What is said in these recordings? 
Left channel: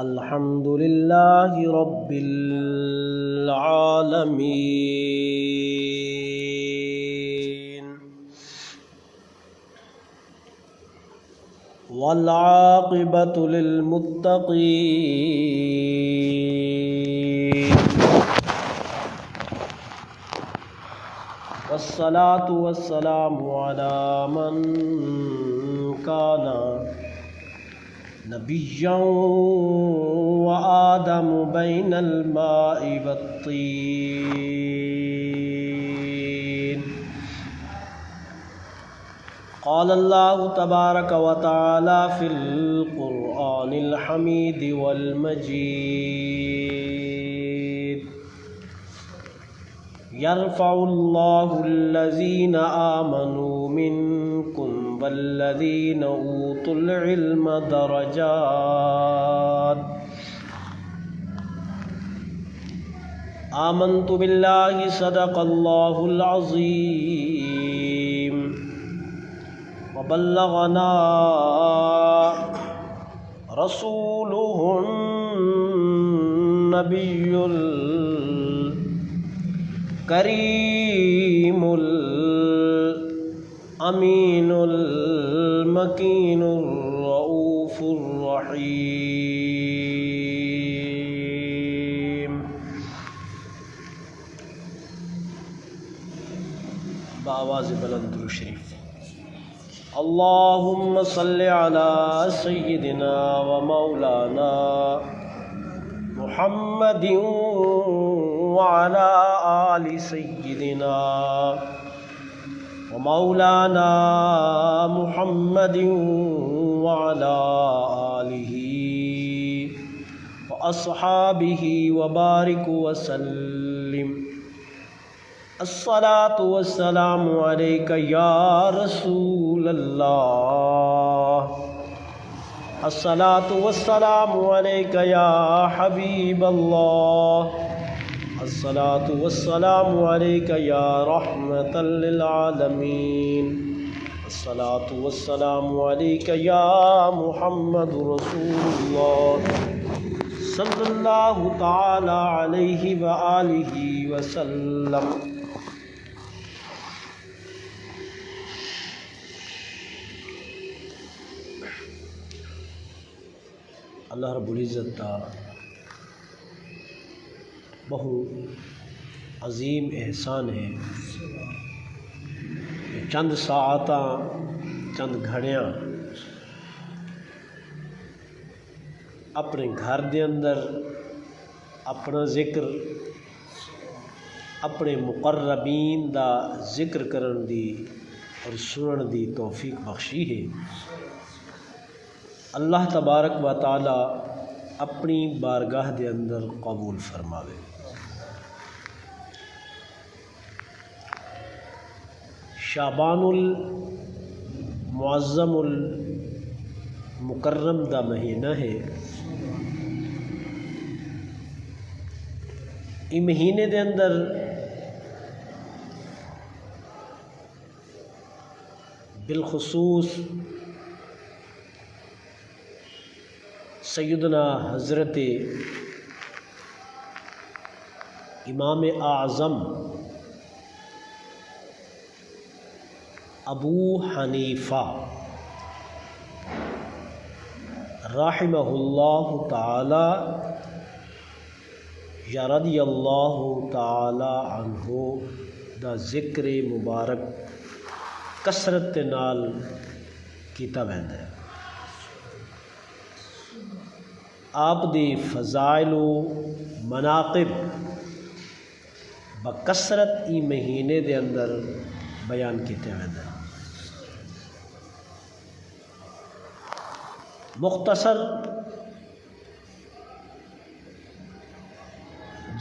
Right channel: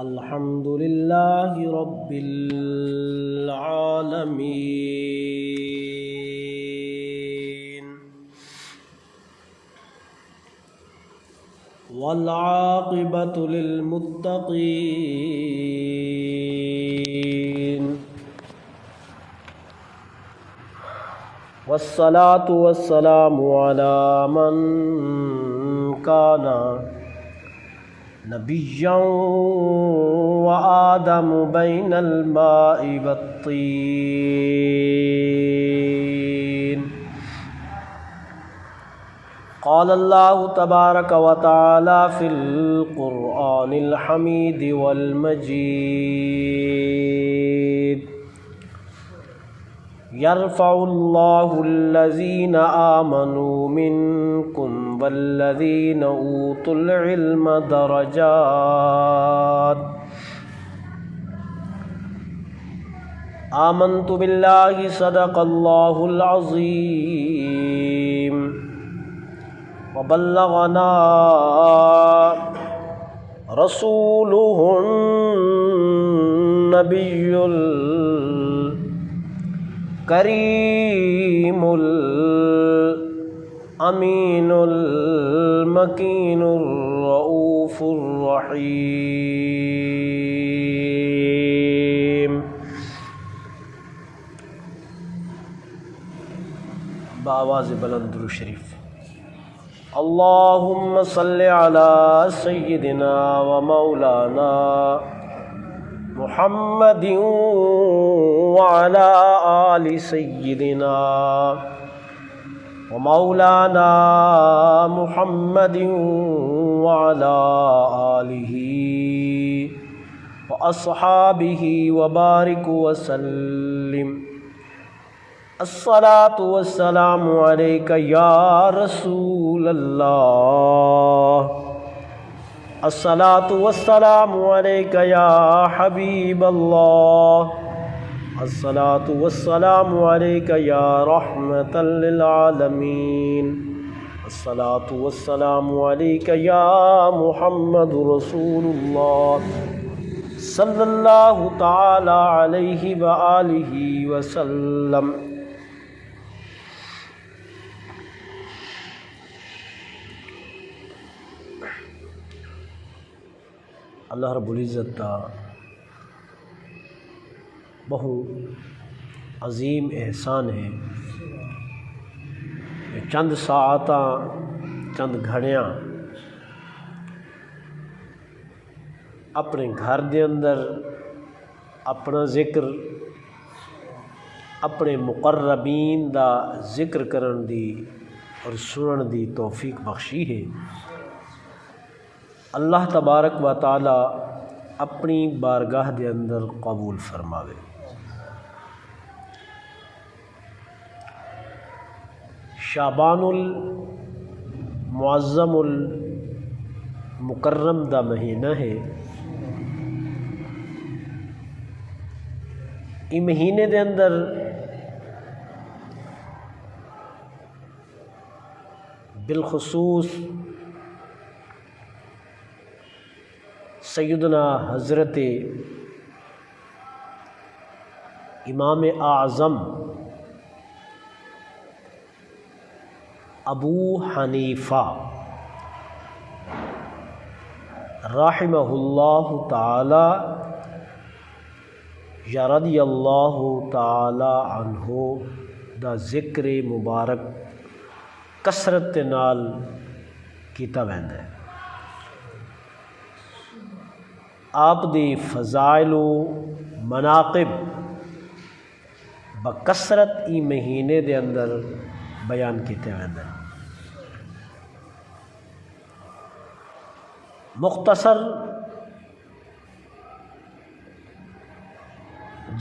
الحمد للہ رب العالمین والعاقبۃ للمتقین والصلاة والسلام علی من کان نبیا وآدم بین الماء والطین قال اللہ تبارک وتعالی فی القرآن الحمید والمجید یرفع اللہ الذین آمنوا منکم والذین اوتوا العلم درجات آمنت باللہ صدق اللہ العظیم وبلغنا رسوله النبی الکریم الامین المکین الرؤوف الرحیم بآواز بلند درود شریف اللہم صل علی سیدنا و مولانا محمد وعلی آل سیدنا و مولانا محمد وعلی آلہ و اصحابہ وبارک وسلم الصلاة والسلام علیک یا رسول اللہ الصلاة والسلام علیک یا حبیب اللہ الصلاة والسلام علیک یا رحمة للعالمین الصلاة والسلام علیک یا محمد رسول اللہ صلی اللہ تعالی علیہ وآلہ وسلم۔ اللہ رب العزت کا بہو عظیم احسان ہے کہ چند ساعتاں چند گھڑیاں اپنے گھر دے اندر اپنا ذکر اپنے مقربین دا ذکر کرن دی اور سنن دی توفیق بخشی ہے۔ اللہ تبارک و تعالی اپنی بارگاہ دے اندر قبول فرماوے۔ شعبان المعظم المکرم دا مہینہ ہے۔ اس مہینے دے اندر بالخصوص سیدنا حضرت امام اعظم ابو حنیفہ رحمہ اللہ تعالی یا رضی اللہ تعالی عنہ دا ذکر مبارک کثرت نال کیتا ویندا ہے۔ آپ دی فضائل و مناقب بکثرت ای مہینے دے اندر بیان کیتے ویندے۔ مختصر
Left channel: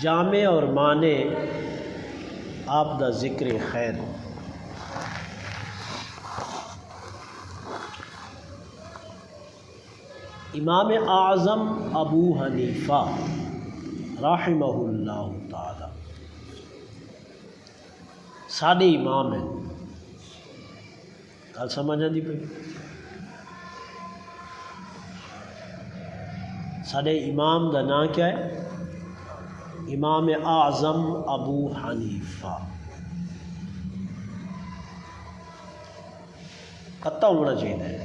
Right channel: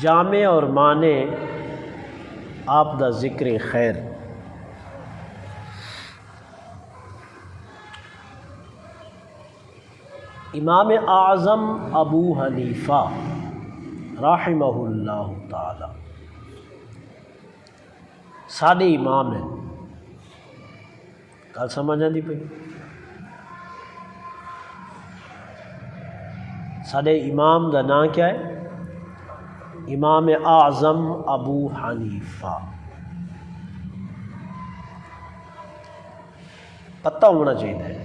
جامع اور معنی آپ دا ذکر خیر۔ امام اعظم ابو حنیفہ رحمہ اللہ تعالی ساڈے امام ہیں۔ گل سمجھ آندی پئی؟ ساڈے امام دا نام کیا ہے؟ امام اعظم ابو حنیفہ. پتہ ہونا چاہیے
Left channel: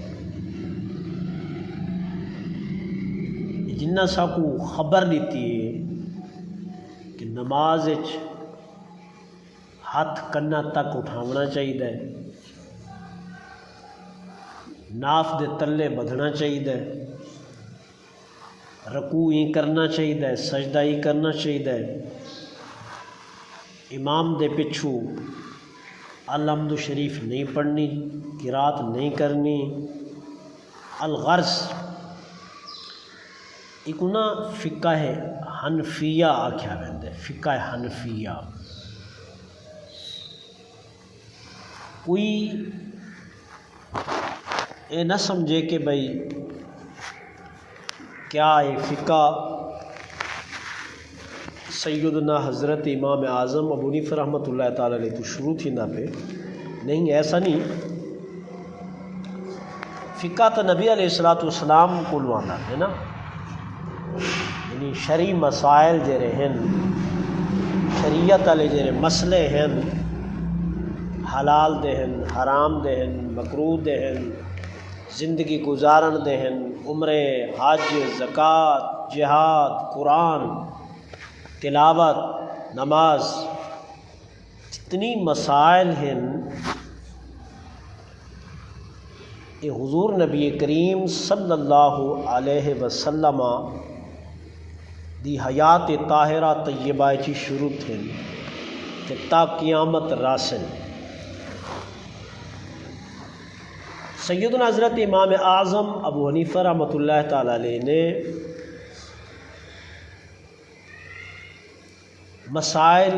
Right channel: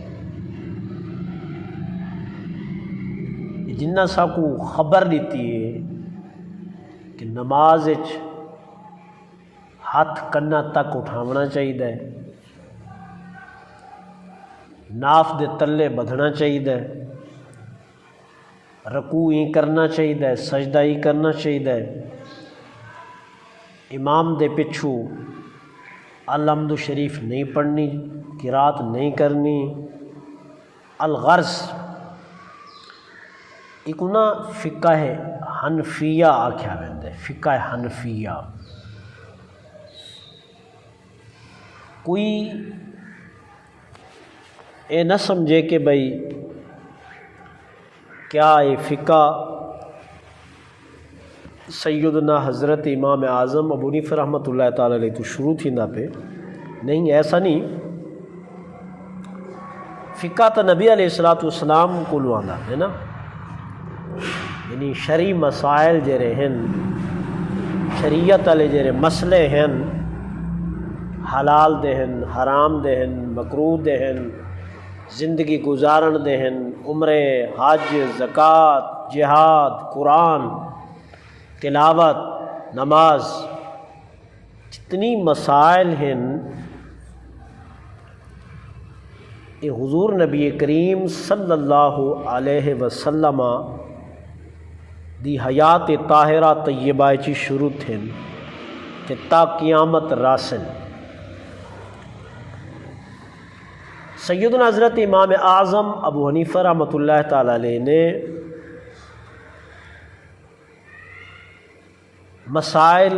جنہ سا کو خبر دیتی ہے کہ نماز ہاتھ کنا تک اٹھاونا چاہیے، ناف دے تلے بدھنا چاہیے، رکوع ہی کرنا چاہیے، سجدہ ہی کرنا چاہیے، امام دے پچھو الحمد شریف نہیں پڑھنی، قرات نہیں کرنی. الغرض ایک نا فقہ حنفیہ آکھیا ویندے، فقہ حنفیہ. کوئی اے نہ سمجھے کہ بھئی کیا یہ فقہ سیدنا حضرت امام اعظم ابو حنیفہ رحمۃ اللہ تعالی علیہ تو شروع تھی نہ پہ نہیں، ایسا نہیں. فقہ تو نبی علیہ السلام کو لوانا ہے نا، یعنی شرعی مسائل جڑے ہیں، شریعت والے جڑے مسئلے ہیں، حلال دے ہیں، حرام دے ہیں، مکروہ دے ہیں، زندگی گزارن دے ہیں، عمرے، حج، زکوٰۃ، جہاد، قرآن، تلاوت، نماز، جتنی مسائل ہیں یہ حضور نبی کریم صلی اللہ علیہ وسلم دی حیات طاہرہ طیبہ چی شروع تھیں کہ تا قیامت راسل. سیدنا حضرت امام اعظم ابو حنیفہ رحمۃ اللہ تعالی علیہ نے مسائل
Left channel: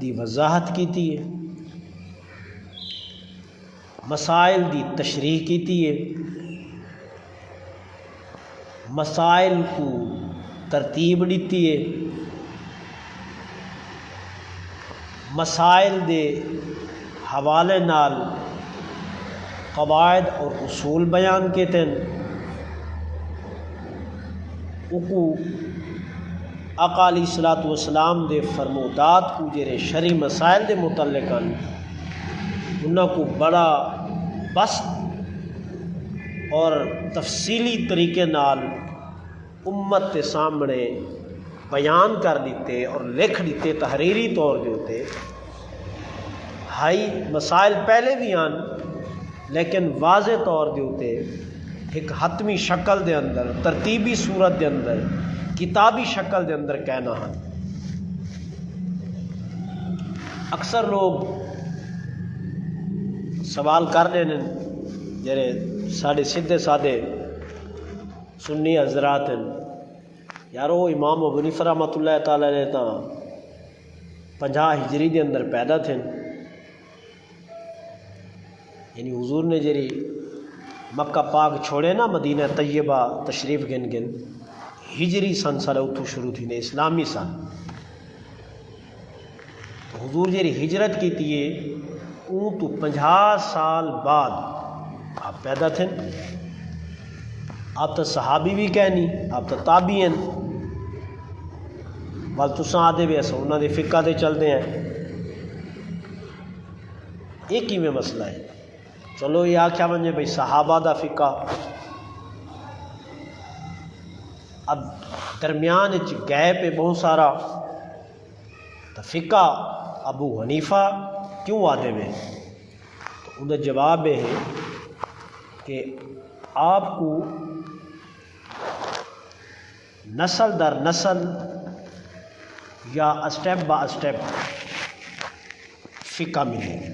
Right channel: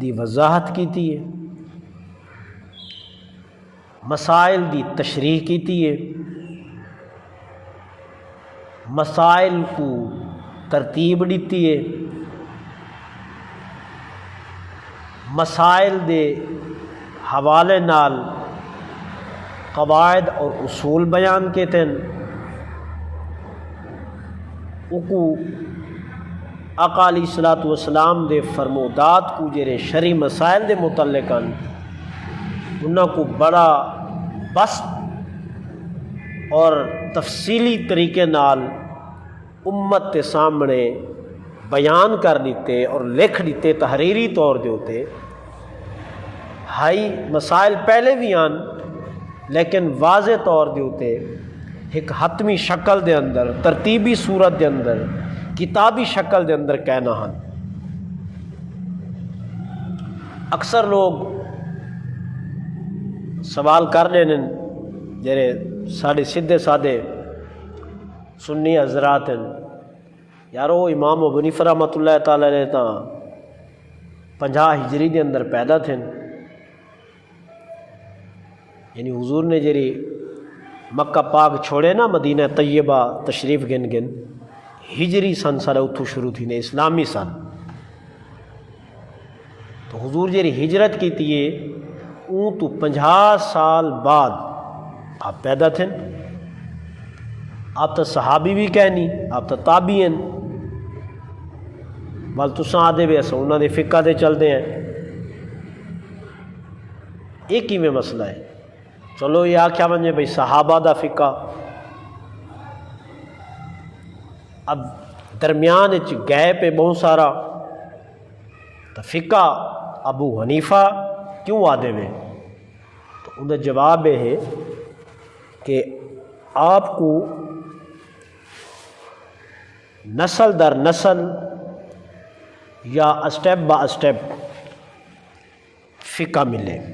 دی وضاحت کیتی ہے، مسائل دی تشریح کیتی ہے، مسائل کو ترتیب دیتی ہے، مسائل دے حوالے نال قواعد اور اصول بیان کیتے ہیں. اکو آقا علیہ الصلوۃ والسلام دے فرمودات کو جڑے شرعی مسائل دے متعلق ہیں انہاں کو بڑا بسط اور تفصیلی طریقے نال امت کے سامنے بیان کر دیتے اور لکھ دیتے تحریری طور دے ہوتے. ہائی مسائل پہلے بھی آن لیکن واضح طور دے ہوتے ایک حتمی شکل دے اندر، ترتیبی صورت دے اندر، کتابی شکل دے اندر کہنا ہے. اکثر لوگ سوال کر رہے ہیں جڑے سارے سیدھے سادے سنی حضرات ہیں، یارو امام ابو حنیفہ رحمۃ اللہ تعالی علیہ تا 50 ہجری دے اندر پیدا تھے، یعنی حضور نے جڑی مکہ پاک چھوڑے نا مدینہ طیبہ تشریف گن ہجری سن سارا اتھو شروع تھی نے، اسلامی سن. تو حضور جڑی ہجرت کی تھی اون تو 50 سال بعد آپ پیدا تھے. آپ تو صحابی بھی کہنی، آپ تو تابعی ہیں، بل تساں آدھے بھی ایسا انہوں نے فقہ دے چلتے ہیں. ایک ہی میں مسئلہ ہے. چلو یہ آکھیا ونجے بھئی صحابہ دا فقہ، اب درمیان گیپ ہے بہت سارا، تو فقہ ابو حنیفہ کیوں آدھے میں؟ تو ان کا جواب یہ ہے کہ آپ کو نسل در نسل یا اسٹیپ با اسٹیپ فقہ ملے گی.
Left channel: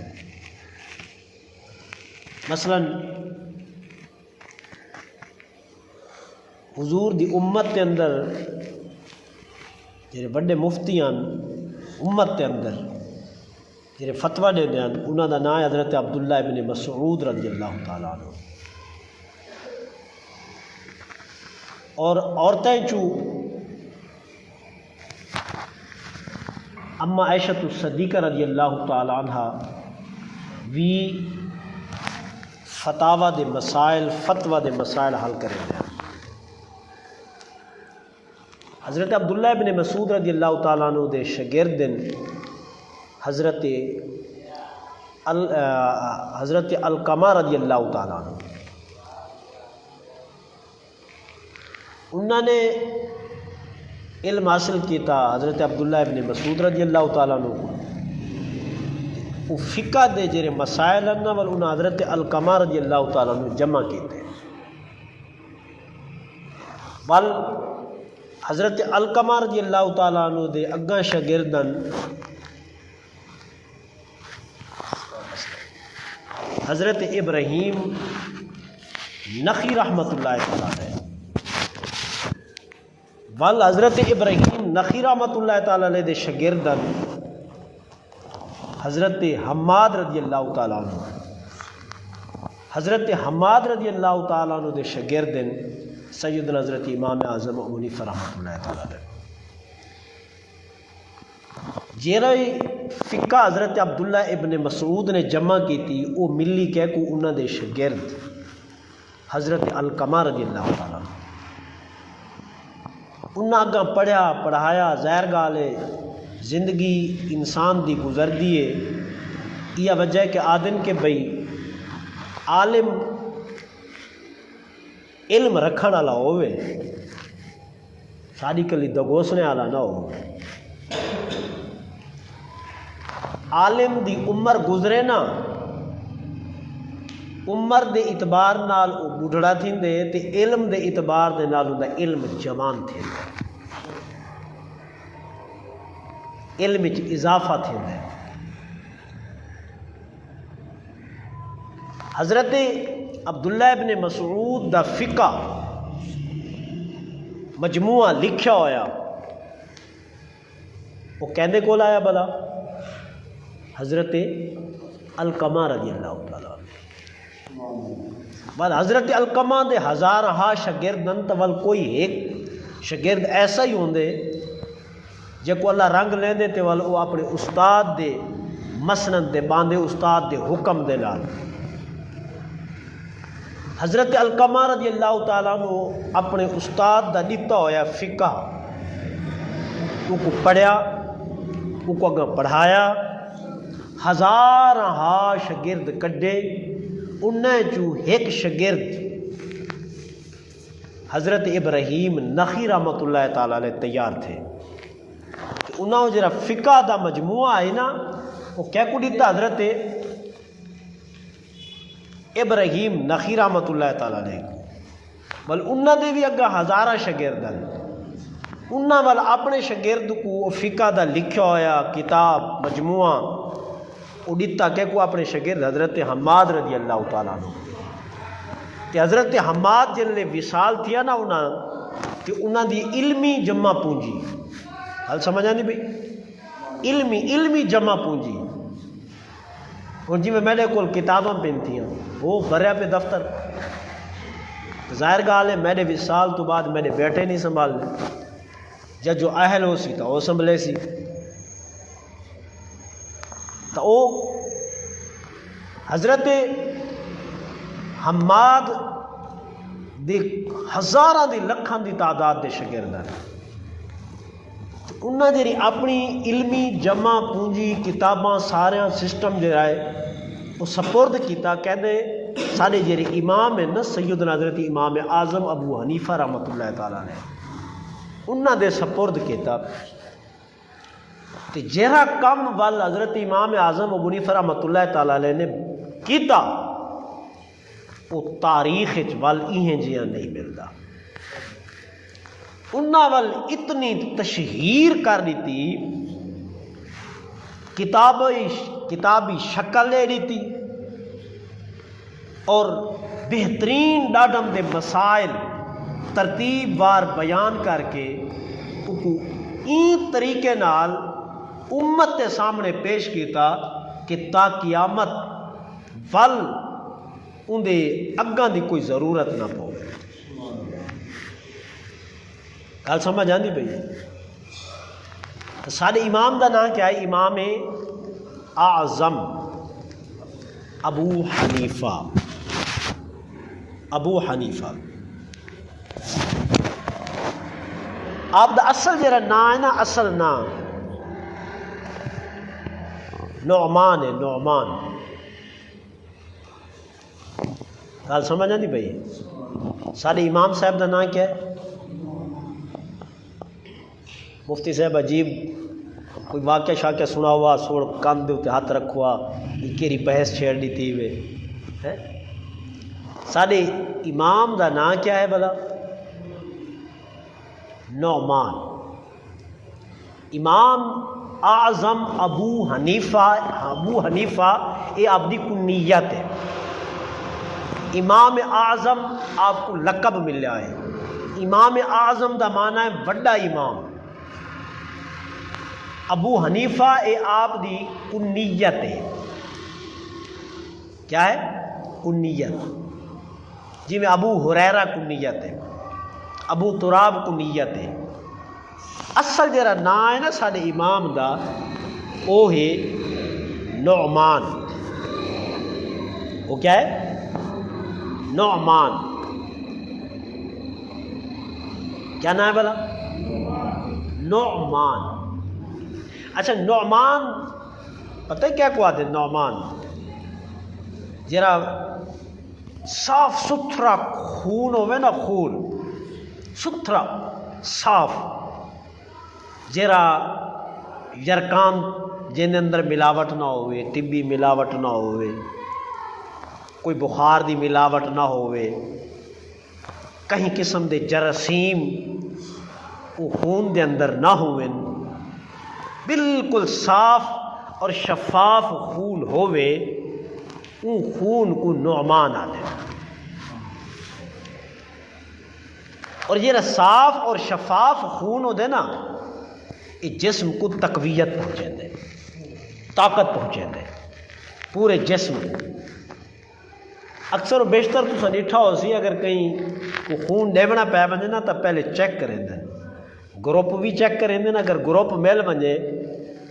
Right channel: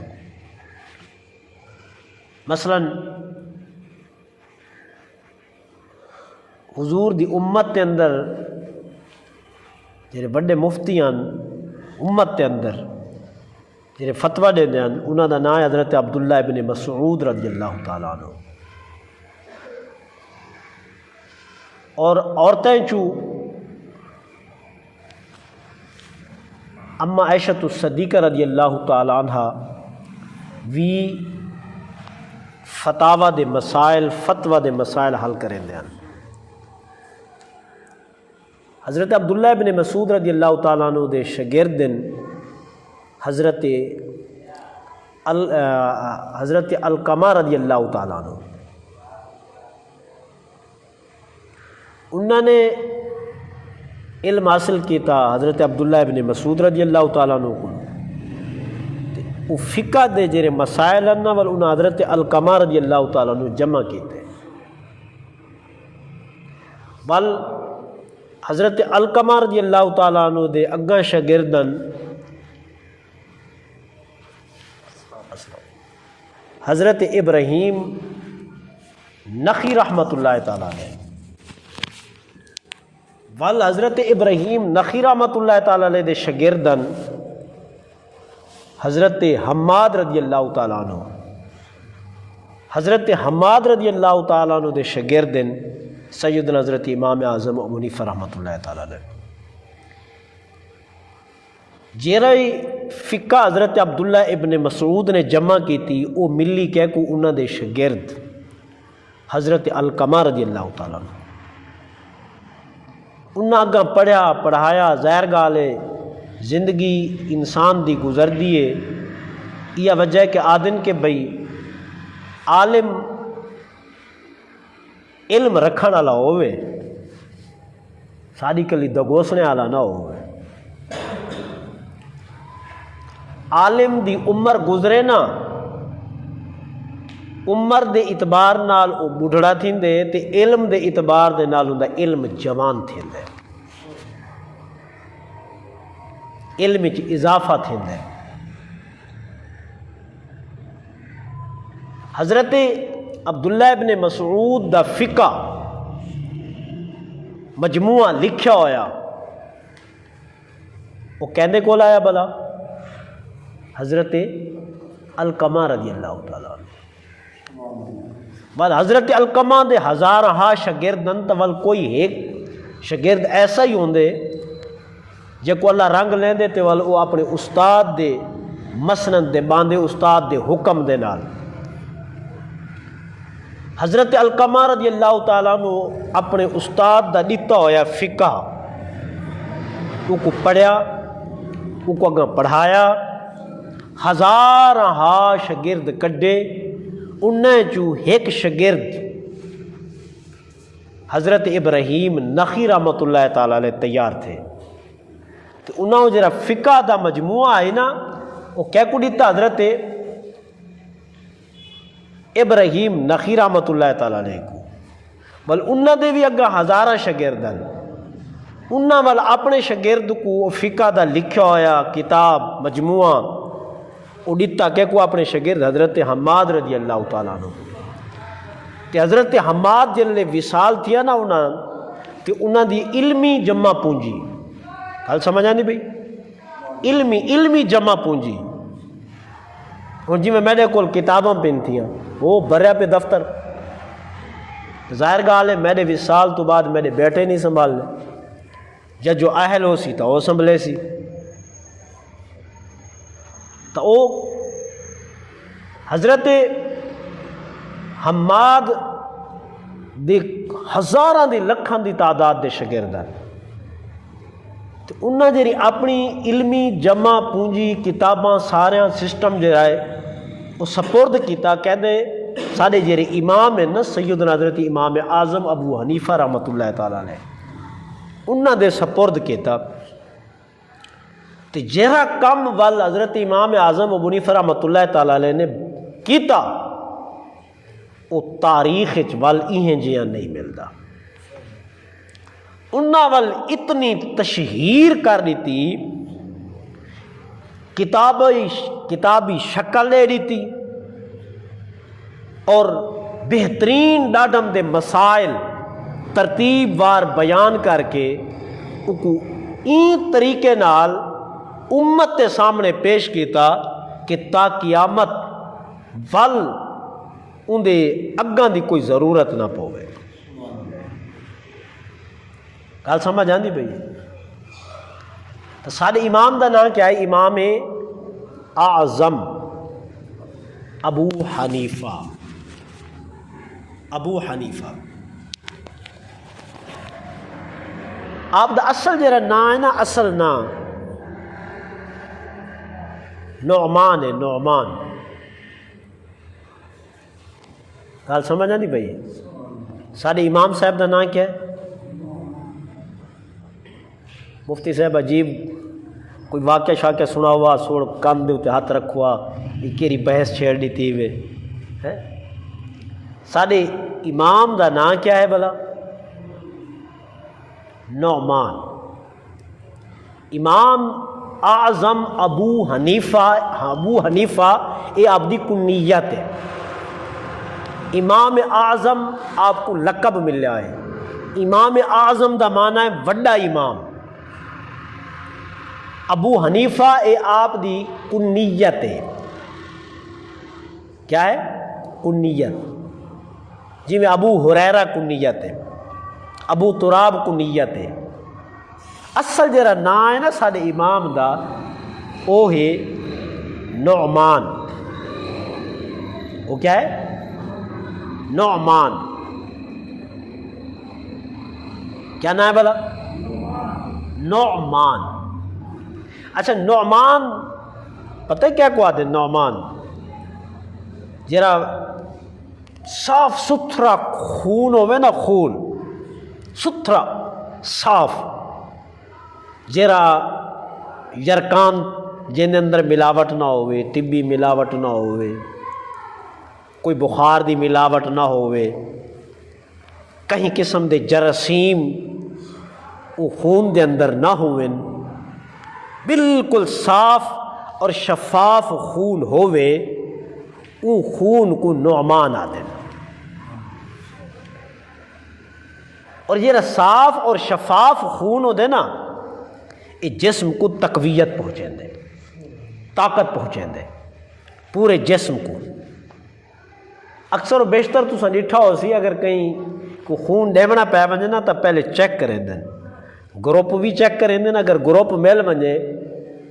مثلا حضور دی امت کے اندر جڑے بڑے مفتی ہیں امت کے اندر جڑے فتویٰ دے ہیں انہوں کا نام ہے حضرت عبداللہ ابن مسعود رضی اللہ تعالیٰ عنہ. اور عورتیں چو اما عائشہ الصدیقہ رضی اللہ تعالیٰ عنہ وی فتاوی دے مسائل، فتویٰ دے مسائل حل کریں دیں. حضرت عبداللہ ابن مسعود رضی اللہ تعالیٰ عنہ دے شاگردن حضرت علقمہ رضی اللہ تعالیٰ عنہ، انہوں نے علم حاصل کیتا حضرت عبداللہ ابن مسعود رضی اللہ تعالیٰ عنہ کو، وہ فقہ دے جڑے مسائل ہیں ول انہوں حضرت علقمہ رضی اللہ تعالیٰ عنہ جمع کیتے، بل حضرت علقمہ رضی اللہ تعالیٰ عنہ دے اگاں شاگردن حضرت ابراہیم نخعی رحمۃ اللہ تعالیٰ علیہ، ول حضرت ابراہیم نخعی رحمۃ اللہ تعالیٰ علیہ دے شاگردن حضرت حماد رضی اللہ تعالیٰ عنہ، حضرت حماد رضی اللہ تعالیٰ عنہ دے شاگردن سیدنا حضرت امام اعظم ابو حنیفہ رحمۃ اللہ تعالیٰ علیہ، جیڑی فقہ حضرت عبداللہ ابن مسعود نے جمع کی تھی وہ ملی کہہ کو انہوں دے شاگرد حضرت علقمہ رضی اللہ تعالیٰ عنہ، انہاں اگاں پڑھیا پڑھایا، ظاہر گال ہے زندگی انسان دی گزر دیے، یہ وجہ ہے کہ آدن کے بھئی عالم علم رکھن والا ہوئے، ساری کلی دگوسنے والا نہ ہو، عالم دی عمر گزرے نا، عمر دے اعتبار نال او بڑھڑا تھیندے تے علم دے اعتبار دے نال اوندا علم جوان تھیندا، علم وچ اضافہ تھیندا۔ حضرت عبداللہ ابن مسعود دا فقہ مجموعہ لکھیا ہویا، وہ کہندے کول آیا بلا حضرت علقمہ رضی اللہ تعالیٰ عنہ، بعد حضرت علقمہ دے ہزارہا شاگردن تول کوئی ایک شاگرد ایسا ہی ہوندے جے کو اللہ رنگ لیندے تے ول وہ اپنے استاد دے مسند دے باندھے، استاد دے حکم دے نال۔ حضرت علقمہ رضی اللہ تعالیٰ عنہ اپنے استاد دا دیتا ہویا فقہ وہ کو پڑھیا، وہ کو اگاں پڑھایا، ہزارہا شاگرد کڈے، انہیں چو ایک شاگرد حضرت ابراہیم نخعی رحمۃ اللہ تعالیٰ علیہ تیار تھے، تو انہوں جرا فقہ دا مجموعہ ہے نا وہ کیا کو دیتا حضرت ابراہیم نخعی رحمۃ اللہ تعالیٰ علیہ کو، بل انہوں دے بھی اگاں ہزارہ شاگرد ہیں، انہوں وال اپنے شاگرد کو فقہ دا لکھا ہویا کتاب مجموعہ وہ دیتا کہ کو اپنے شاگرد حضرت حماد رضی اللہ تعالیٰ عنہ، تے حضرت حماد جنہوں وصال تھیا نا انہوں دی علمی جمع پونجی، حال سمجھ آنی بھئی علمی جمع پونجی، ہوں جی میں میرے کول کتاباں پین تھیاں وہ بھریا پہ دفتر، ظاہر گال ہے میرے وصال تو بعد میرے بیٹے نہیں سنبھال لے، جب جو اہل ہو سی تو وہ سنبھلے سی، تو وہ حضرت حماد دی ہزاراں دی لکھاں دی تعداد دے شاگرد ہیں، تو انہاں جی اپنی علمی جمع پونجی کتاباں سارے سسٹم جو ہے وہ سپرد کیتا، کہندے سارے جڑے امام ہیں نا سیدنا حضرت امام اعظم ابو حنیفہ رحمۃ اللہ تعالیٰ علیہ انہاں دے سپرد کیتا، تو جہاں کم وال حضرت امام اعظم ابو حنیفہ رحمۃ اللہ تعالیٰ علیہ نے کیتا وہ تاریخ وال ایہیں جیاں نہیں ملتا، انہاں وال اتنی تشہیر کر دیتی، کتابی شکل لے دیتی، اور بہترین ڈاڈم دے مسائل ترتیب وار بیان کر کے این طریقے نال امت کے سامنے پیش کیتا کہ تا قیامت ول اندے اگاں دی کوئی ضرورت نہ پوے۔ گل سمجھ آندی پئی؟ سارے امام دا نام کیا ہے؟ امام اعظم ابو حنیفہ، ابو حنیفہ۔ آپ دا اصل جڑا نام ہے نا، اصل نام نعمان ہے، نعمان. گل سمجھ آتی بھائی؟ سارے امام صاحب کا نام کیا ہے؟ مفتی صاحب عجیب کوئی واقعہ شاقہ سنا ہوا، سوڑ کان دے ہاتھ رکھوا، یہ کیری بحث چھیڑ دی تھی وے. سارے امام کا نام کیا ہے بھلا؟ نعمان. امام اعظم ابو حنیفہ یہ آپ کی کنیت ہے. امام اعظم آپ کو لقب ملیا ہے. امام اعظم دا معنی ہے وڈا امام. ابو حنیفہ یہ آپ دی کنیت ہے. کیا ہے؟ کنیت. جی میں ابو ہریرہ کنیت ہے، ابو تراب کنیت ہے. اصل جڑا نام ہے نا سارے امام دا وہ ہے نعمان. وہ کیا ہے؟ نعمان. کیا نام ہے بھلا؟ نعمان. اچھا نعمان پتہ کیا کو آتے؟ نعمان جرا صاف ستھرا خون ہوئے نا، خون ستھرا صاف، جرا یرکان جن اندر ملاوٹ نہ ہوئے، طبی ملاوٹ نہ ہوئے، کوئی بخار دی ملاوٹ نہ ہوئے، کہیں قسم دے جراثیم وہ خون دے اندر نہ ہوئے، بالکل صاف اور شفاف خون ہوئے، ان خون کو نعمان آتے ہیں. اور یہ صاف اور شفاف خون ہوتے نا، یہ جسم کو تقویت پہنچیں دے، طاقت پہنچیں دے پورے جسم کو. اکثر و بیشتر تو ڈٹھا ہو سی اگر کہیں کو خون ڈیونا پی ونجے نا تو پہلے چیک کریں دیں، گروپ بھی چیک کریں دیں. اگر گروپ مل ونجے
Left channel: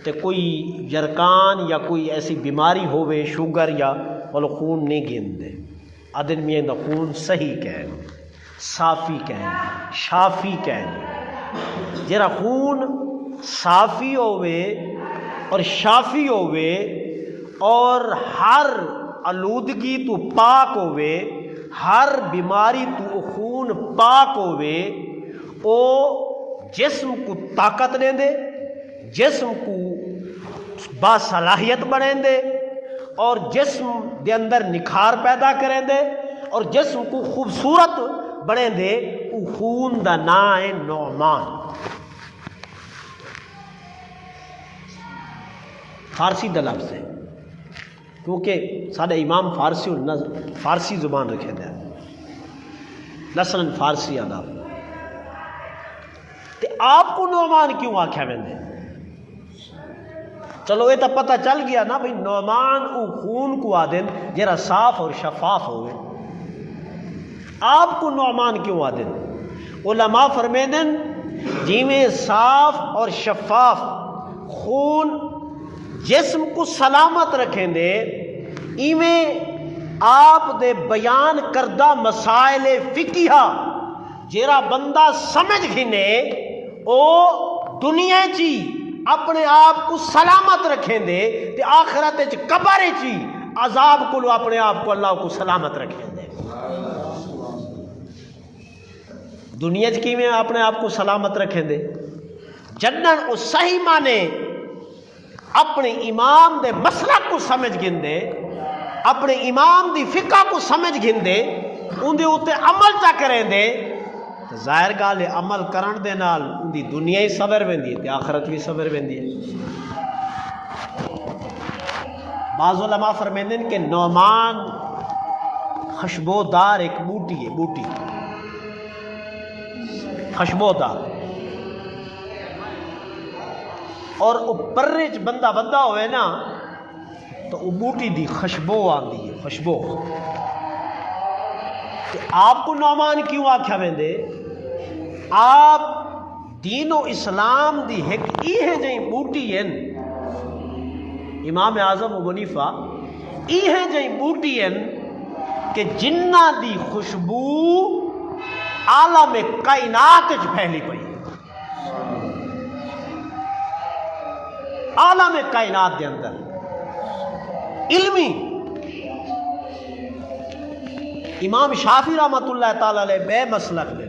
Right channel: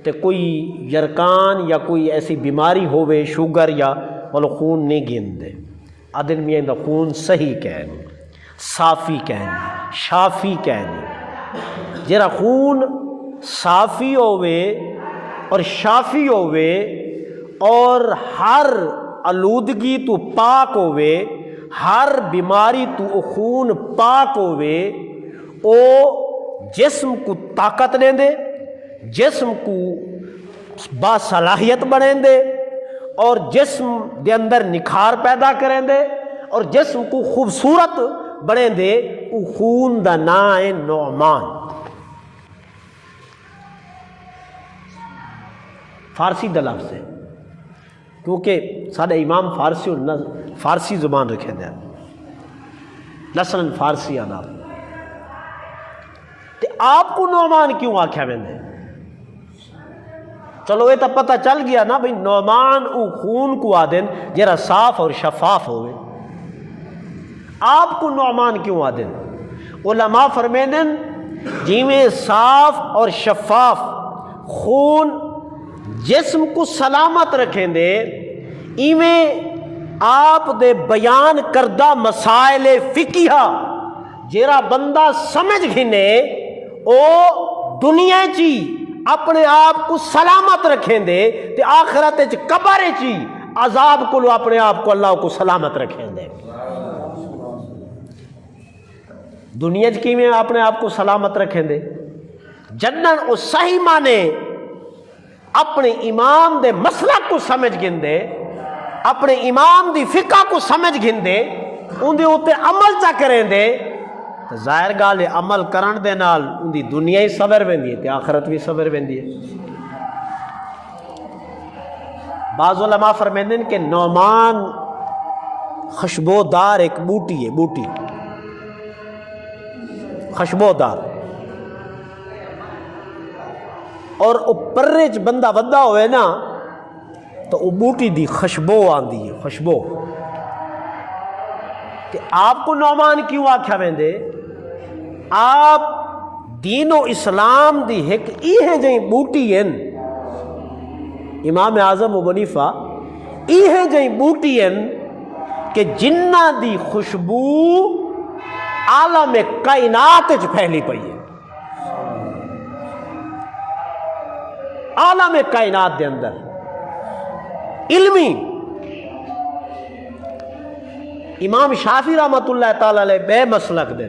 تو کوئی یرکان یا کوئی ایسی بیماری ہوئے، شوگر یا وہ خون نہیں گن دے. عدن میں دا خون صحیح کہیں، صافی کہیں، شافی کہیں. جرا خون صافی ہوئے اور شافی ہوئے اور ہر آلودگی تو پاک ہوئے، ہر بیماری تو خون پاک ہوئے، او جسم کو طاقت دیں دے، جسم کو باصلاحیت بنیں دے، اور جسم دے اندر نکھار پیدا کریں دے، اور جسم کو خوبصورت بنیں دے. او خون دا نام ہے نعمان. فارسی دا لفظ ہے، کیونکہ سارے امام فارسی زبان رکھے دیں، نسل فارسی آداب. تے آپ کو نعمان کیوں آکھیا ویندے؟ چلو یہ تو پتہ چل گیا نا بھئی نعمان او خون کو آدن جرا صاف اور شفاف ہوئے. آپ کو نعمان کیوں آدن؟ علماء فرمیندن جی میں صاف اور شفاف خون جسم کو سلامت رکھیں دے، ایویں آپ دے بیان کردہ مسائل فقہہ جیرا بندہ سمجھ گھنے او دنیا چی اپنے آپ کو سلامت رکھیں دے، تے آخرت چ قبر چی عذاب کو اپنے آپ کو اللہ کو سلامت رکھیں دے. دنیا چ کی میں اپنے آپ کو سلامت رکھیں دے، جنن او صحیح مانے اپنے امام دے مسلک کو سمجھ گندے، اپنے امام دی فقہ کو سمجھ گندے، ان دے اوتے عمل چا کریں دے، ظاہر گال ہے عمل کرن دے نال ان دی دنیا ہی صبر ویندی ہے تے آخرت بھی صبر ویندی ہے. بعض علماء فرمیندے ہیں کہ نعمان خوشبودار ایک بوٹی ہے، بوٹی خوشبودار، اور اوپر چ بندہ ودا ہوئے نا تو وہ بوٹی دی خوشبو آندی ہے، خوشبو. کہ آپ کو نعمان کیوں آکھیا ویندے؟ آپ دین و اسلام دی ایک ایہ جئی بوٹی ہیں، امام اعظم ابو حنیفہ ایہ جئی بوٹی ہیں کہ جنہ دی خوشبو عالم کائنات وچ پھیلی پئی ہے. عالم کائنات دے اندر علمی امام شافعی رحمت اللہ تعالی علیہ بے مسلک دے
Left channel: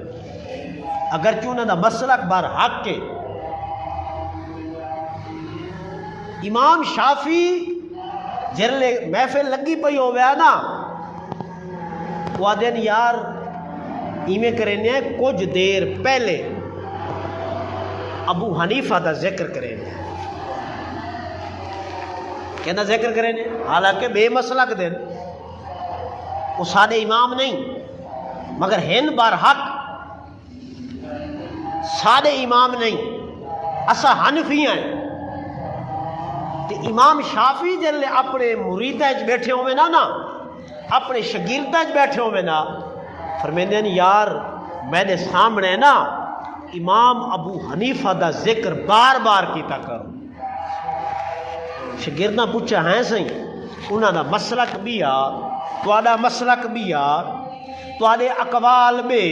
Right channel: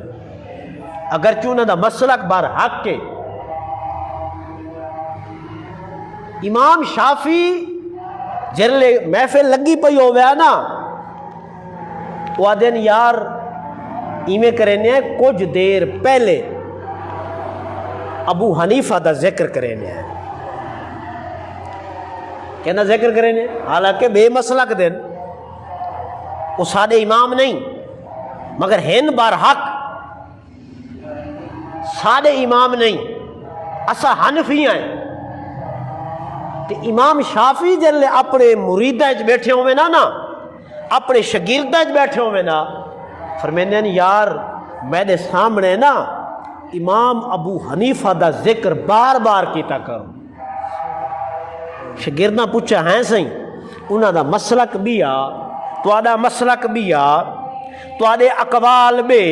اگرچہ انہوں دا مسلک بار حق کے امام شافعی جرلے محفل لگی پئی ہو گیا نا وہ آدھین یار ایمیں کرنے کچھ دیر پہلے ابو حنیفہ دا ذکر کرنے کہنا ذکر کرنے حالانکہ بے مسلک دن وہ سادے امام نہیں مگر ہن بار حق سادے امام نہیں اسا حنفی ہیں تے امام شافعی جلے اپنے مریدہ بیٹھے ہوئے نا اپنے شاگردہ بیٹھے ہوئے نا فرمینے یار میں نے سامنے نا امام ابو حنیفہ دا ذکر بار بار کیتا کروں شاگردہ پوچھا ہیں سہی انہاں دا مسلک بھی آ تواڈا مسلک بھی آ تواڈے اقوال بے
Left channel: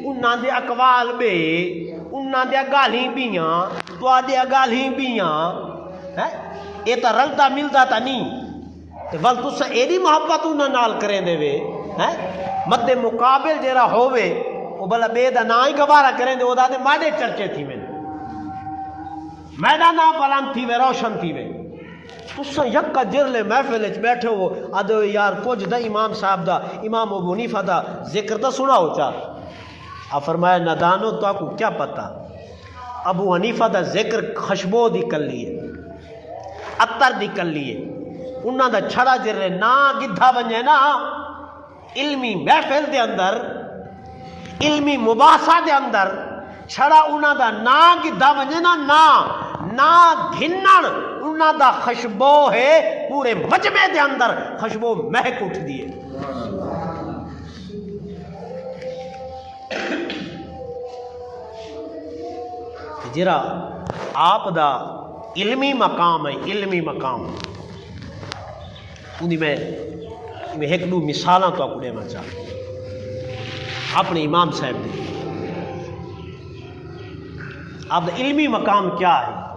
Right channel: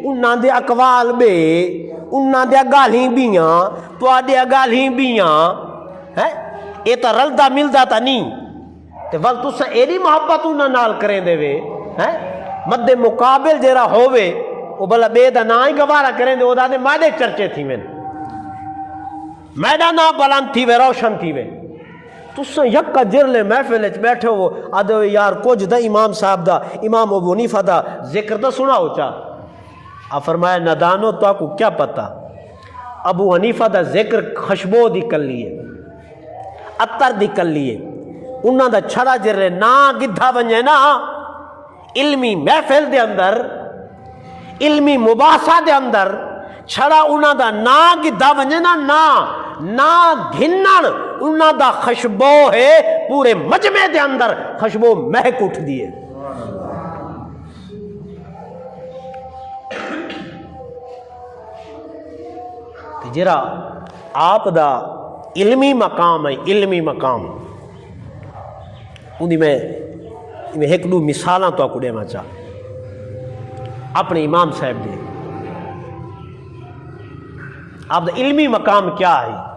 انہاں دے اقوال بے انہاں دے گالیں بھی آ تواڈے گالیں بھی آ ہیں یہ تو رلدا ملدا تا نہیں تے ول تساں ایڈی محبت انہاں نال کریں دے وے ہیں مد مقابل جیرا ہووے وہ بلا بے دا نا ہی گوارا کریں دے او دا دے مائدے چرچے تھی میں میڈا نا بلند تھی وے روشن تھی وے تساں یکا جرلے محفل وچ بیٹھے ہو آدھو یار کچھ دا امام صاحب دا امام ابو حنیفہ دا ذکر تو سناؤ چاہ فرمایا ندانو تو کو کیا پتہ ابو حنیفہ دا ذکر خشبو دی کر لیے اتر دی کر لیے انہاں دا چھڑا جرلے نا گدھا بنجے نا علمی محفل دے اندر علمی مباحثہ دے اندر چھڑا انہاں دا نا گدھا بنجے نا گھنن انہاں دا خشبو ہے پورے مجمع دے اندر خشبو مہک اٹھ دیے جرا آپ دا علمی مقام ہے علمی مقام انہی میں ایک دو مثالاں تو کڑے میں چاہ اپنے امام صاحب دے آپ دا علمی مقام کیا ہے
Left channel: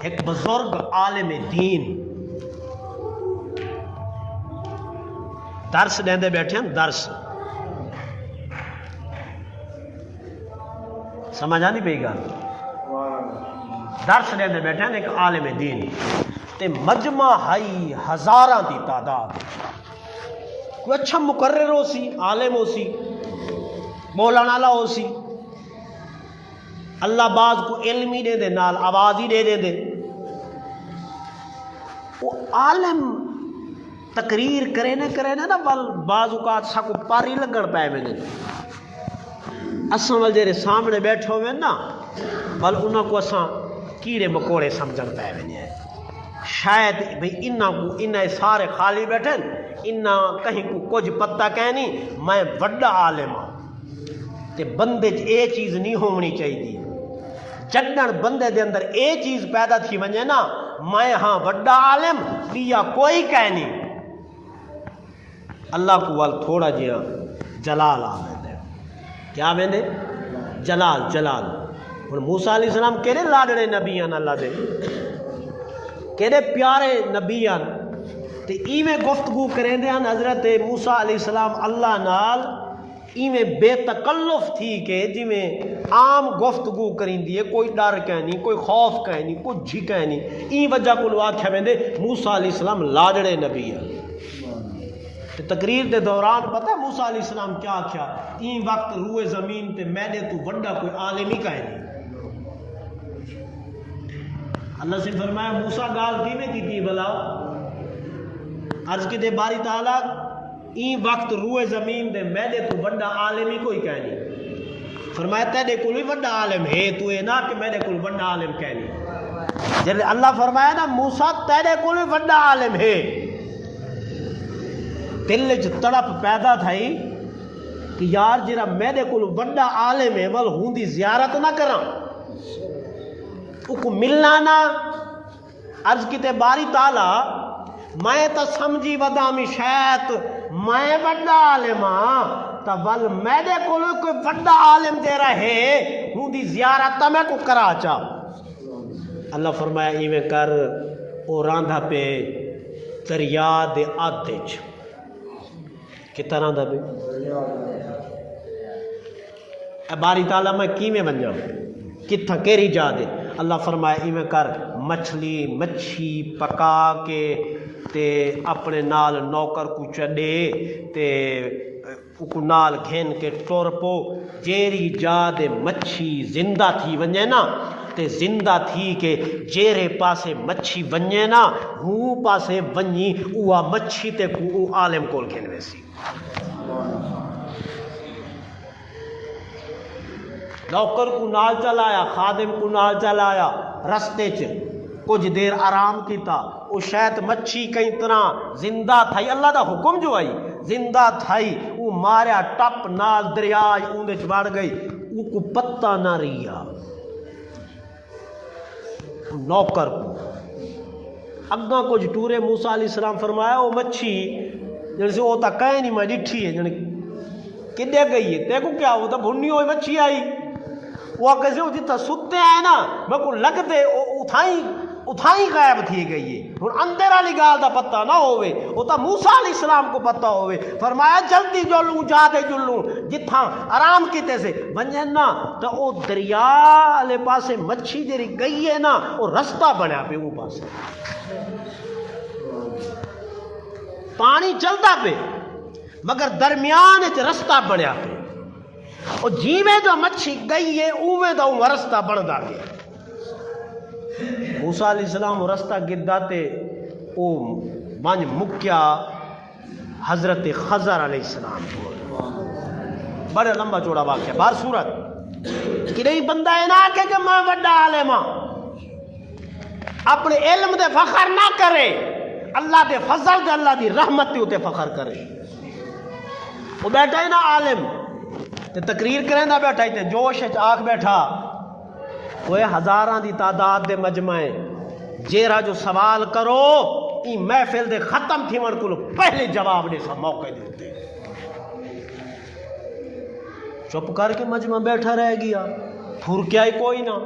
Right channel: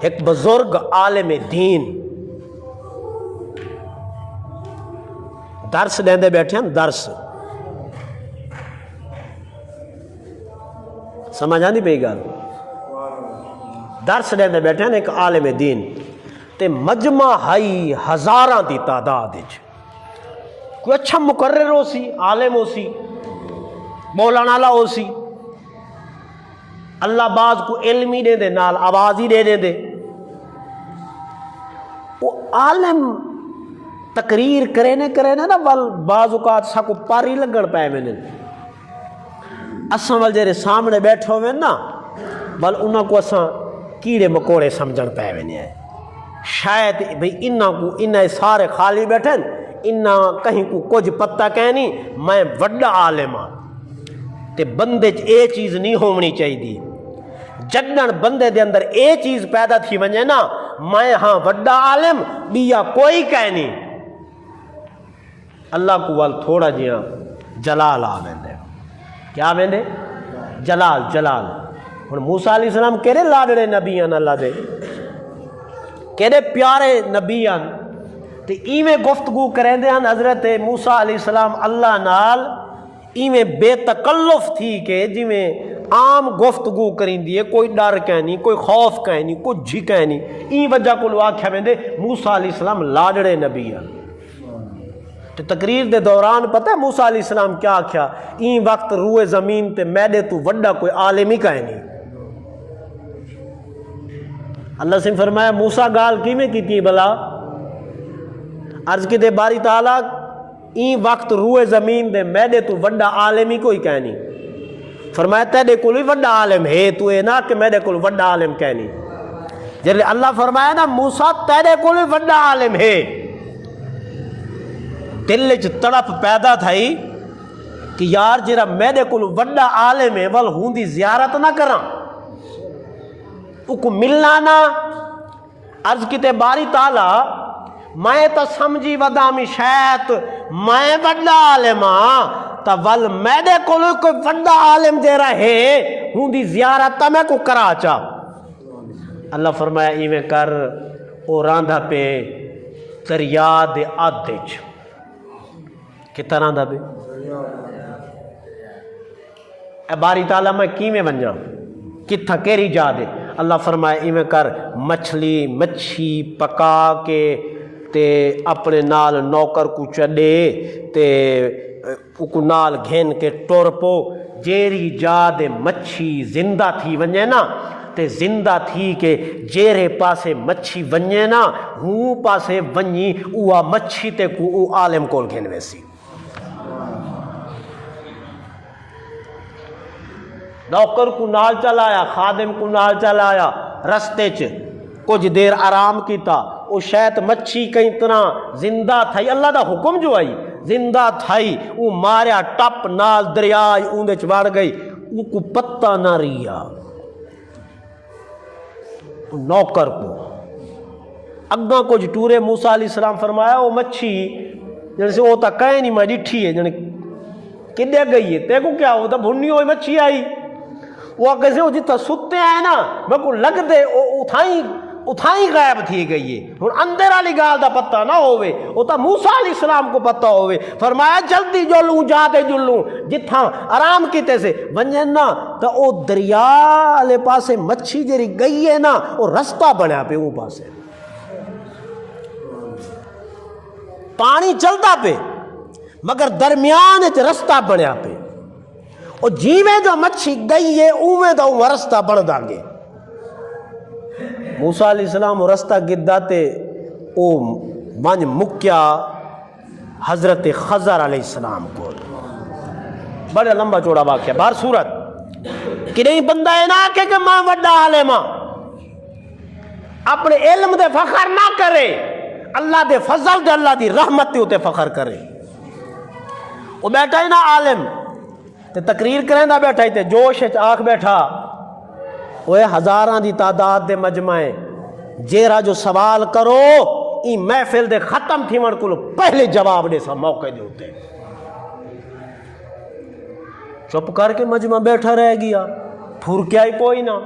ایک بزرگ عالم دین درس دیندے بیٹھے ہیں درس سمجھ آندی پئی گل درس دیندے بیٹھے ہیں ایک عالم دین تے مجمع ہائی ہزاراں دی تعداد کوئی اچھا مقرر ہو سی عالم ہو سی بولن والا ہو سی اللہ بعض کو علمی دے دے نال آواز ہی دے دے وہ عالم تقریر کرے نا بعض اوقات سا کو پاری لگن پائے میں نے اساں وال جیرے سامنے بیٹھے ہوئے نا بل انہاں کو اساں کیڑے مکوڑے سمجھن پائے میں نے شاید بھئی انہاں سارے خالی بیٹھے انہاں کہیں کو کچھ پتہ کہنی میں وڈا عالم ہاں تے بندے اے چیز نہیں ہونی چاہیے جنن بندے دے اندر اے چیز پیدا تھی ونجے نا میں ہاں وڈا عالم دیا کوئی کہہ نہیں اللہ کو وال تھوڑا جیا جلال آویندے کیا آویندے جلال اور موسیٰ علیہ السلام کہنے لاڈڑے نبیان اللہ دے کہنے پیارے نبیان تے ایویں گفتگو کریں دے ہیں حضرت موسیٰ علیہ السلام اللہ نال ایویں بے تکلف تھی کہ جی میں عام گفتگو کریں دیئے کوئی ڈر کہنی کوئی خوف کہنی کوئی جھی کہنی این وجہ کو لوگ آکھا میں دے موسیٰ علیہ السلام لاڈڑے نبی ہیں تو تقریر دے دوران پتہ ہے موسیٰ علیہ السلام کیا آکھا این وقت روئے زمین تے میڈے تو وڈا کوئی عالمی کہنی اللہ سے فرمایا موسیٰ گال کی میں کی بلا عرض کی دے باری تعالیٰ این وقت روئے زمین دے میڈے تو وڈا عالمی کوئی کہنی فرمایا تیرے کوئی وڈا عالم ہے تو اے نا کہ میرے کوئی وڈا عالم کہنی جب اللہ فرمایا نا موسیٰ تیرے کوئی وڈا عالم ہے دل جو تڑپ پیدا تھائی کہ یار جرا میرے کوئی وڈا عالم ہے ول ہوں دی زیارت نہ کرا کو ملنا نا عرض کیتے باری تعالیٰ میں تو سمجھی ودامی شاید میں وڈا عالم ہاں تا ول میرے کوئی وڈا عالم دے رہے ہوں دی زیارت تا میں کو کرا چا اللہ فرمایا ایویں کر او راندا پہ دریا دے آدھے چ کتنا راندا پہ اے باری تعالیٰ میں کیویں ونجاں کتھا کیری جا دے اللہ فرمایا ایویں کر مچھی پکا کے تے اپنے نال نوکر کو چڈے تے کو نال گھن کے ٹر پو جیری جا دے مچھی زندہ تھی ونجے نا تے زندہ تھی کہ جیرے پاسے مچھی ونجے نا ہوں پاسے ونجی اوہ مچھی تے کو او عالم کول گھن ویسی نوکر کو نال چلایا خادم کو نال چلایا رستے چ کچھ دیر آرام کیتا او شاید مچھی کئی طرح زندہ تھائی اللہ دا حکم جو آئی زندہ تھائی او ماریا ٹپ نال دریائی اوندے چوڑ گئی او کو پتہ نہ ریا نوکر کو اگاں کچھ ٹورے موسیٰ علیہ السلام فرمایا او مچھی جیسے وہ تا کہیں نہیں میں ڈٹھی ہے جنہیں کدے گئی ہے تے کو کیا ہوتا بھنی ہوئی مچھی آئی وہ کیسے وہ جتا ستے ہیں نا میں کو لگ دے اتھائیں غائب تھی گئی ہے ہن اندر والی گال دا پتہ نہ ہوئے وہ تا موسیٰ علیہ السلام کو پتہ ہوئے فرمایا جلدی جلوں جاتے جلوں جتھاں آرام کیتے سے ونجن نا تا او دریا والے پاسے مچھی جری گئی ہے نا وہ رستہ بنیا پہ وہ پاسے پانی چلتا پہ مگر درمیان ایک رستہ بنیا پہ اور جیویں جو مچھی گئی ہے اویں دا وہ رستہ بن دا گے موسیٰ علیہ السلام وہ رستہ گدہ تے او ونج مکیا حضرت خضر علیہ السلام کو بڑا لمبا چوڑا واقعہ بار صورت کہ نہیں بندہ ہے نا کہ میں وڈا عالمہ اپنے علم دے فخر نہ کرے اللہ دے فضل دے اللہ دی رحمت تے ہوتے فخر کرے وہ بیٹھا ہی نا عالم تے تقریر کریں دا بیٹھا ہی تے جوش آنکھ بیٹھا وہ ہزاراں دی تعداد دے مجمعیں جیرا جو سوال کرو ای محفل دے ختم تھی من کو پہلے جواب دے سا موقع دیتے چپ کر کے مجمع بیٹھا رہ گیا پھر کیا ہی کوئی نہ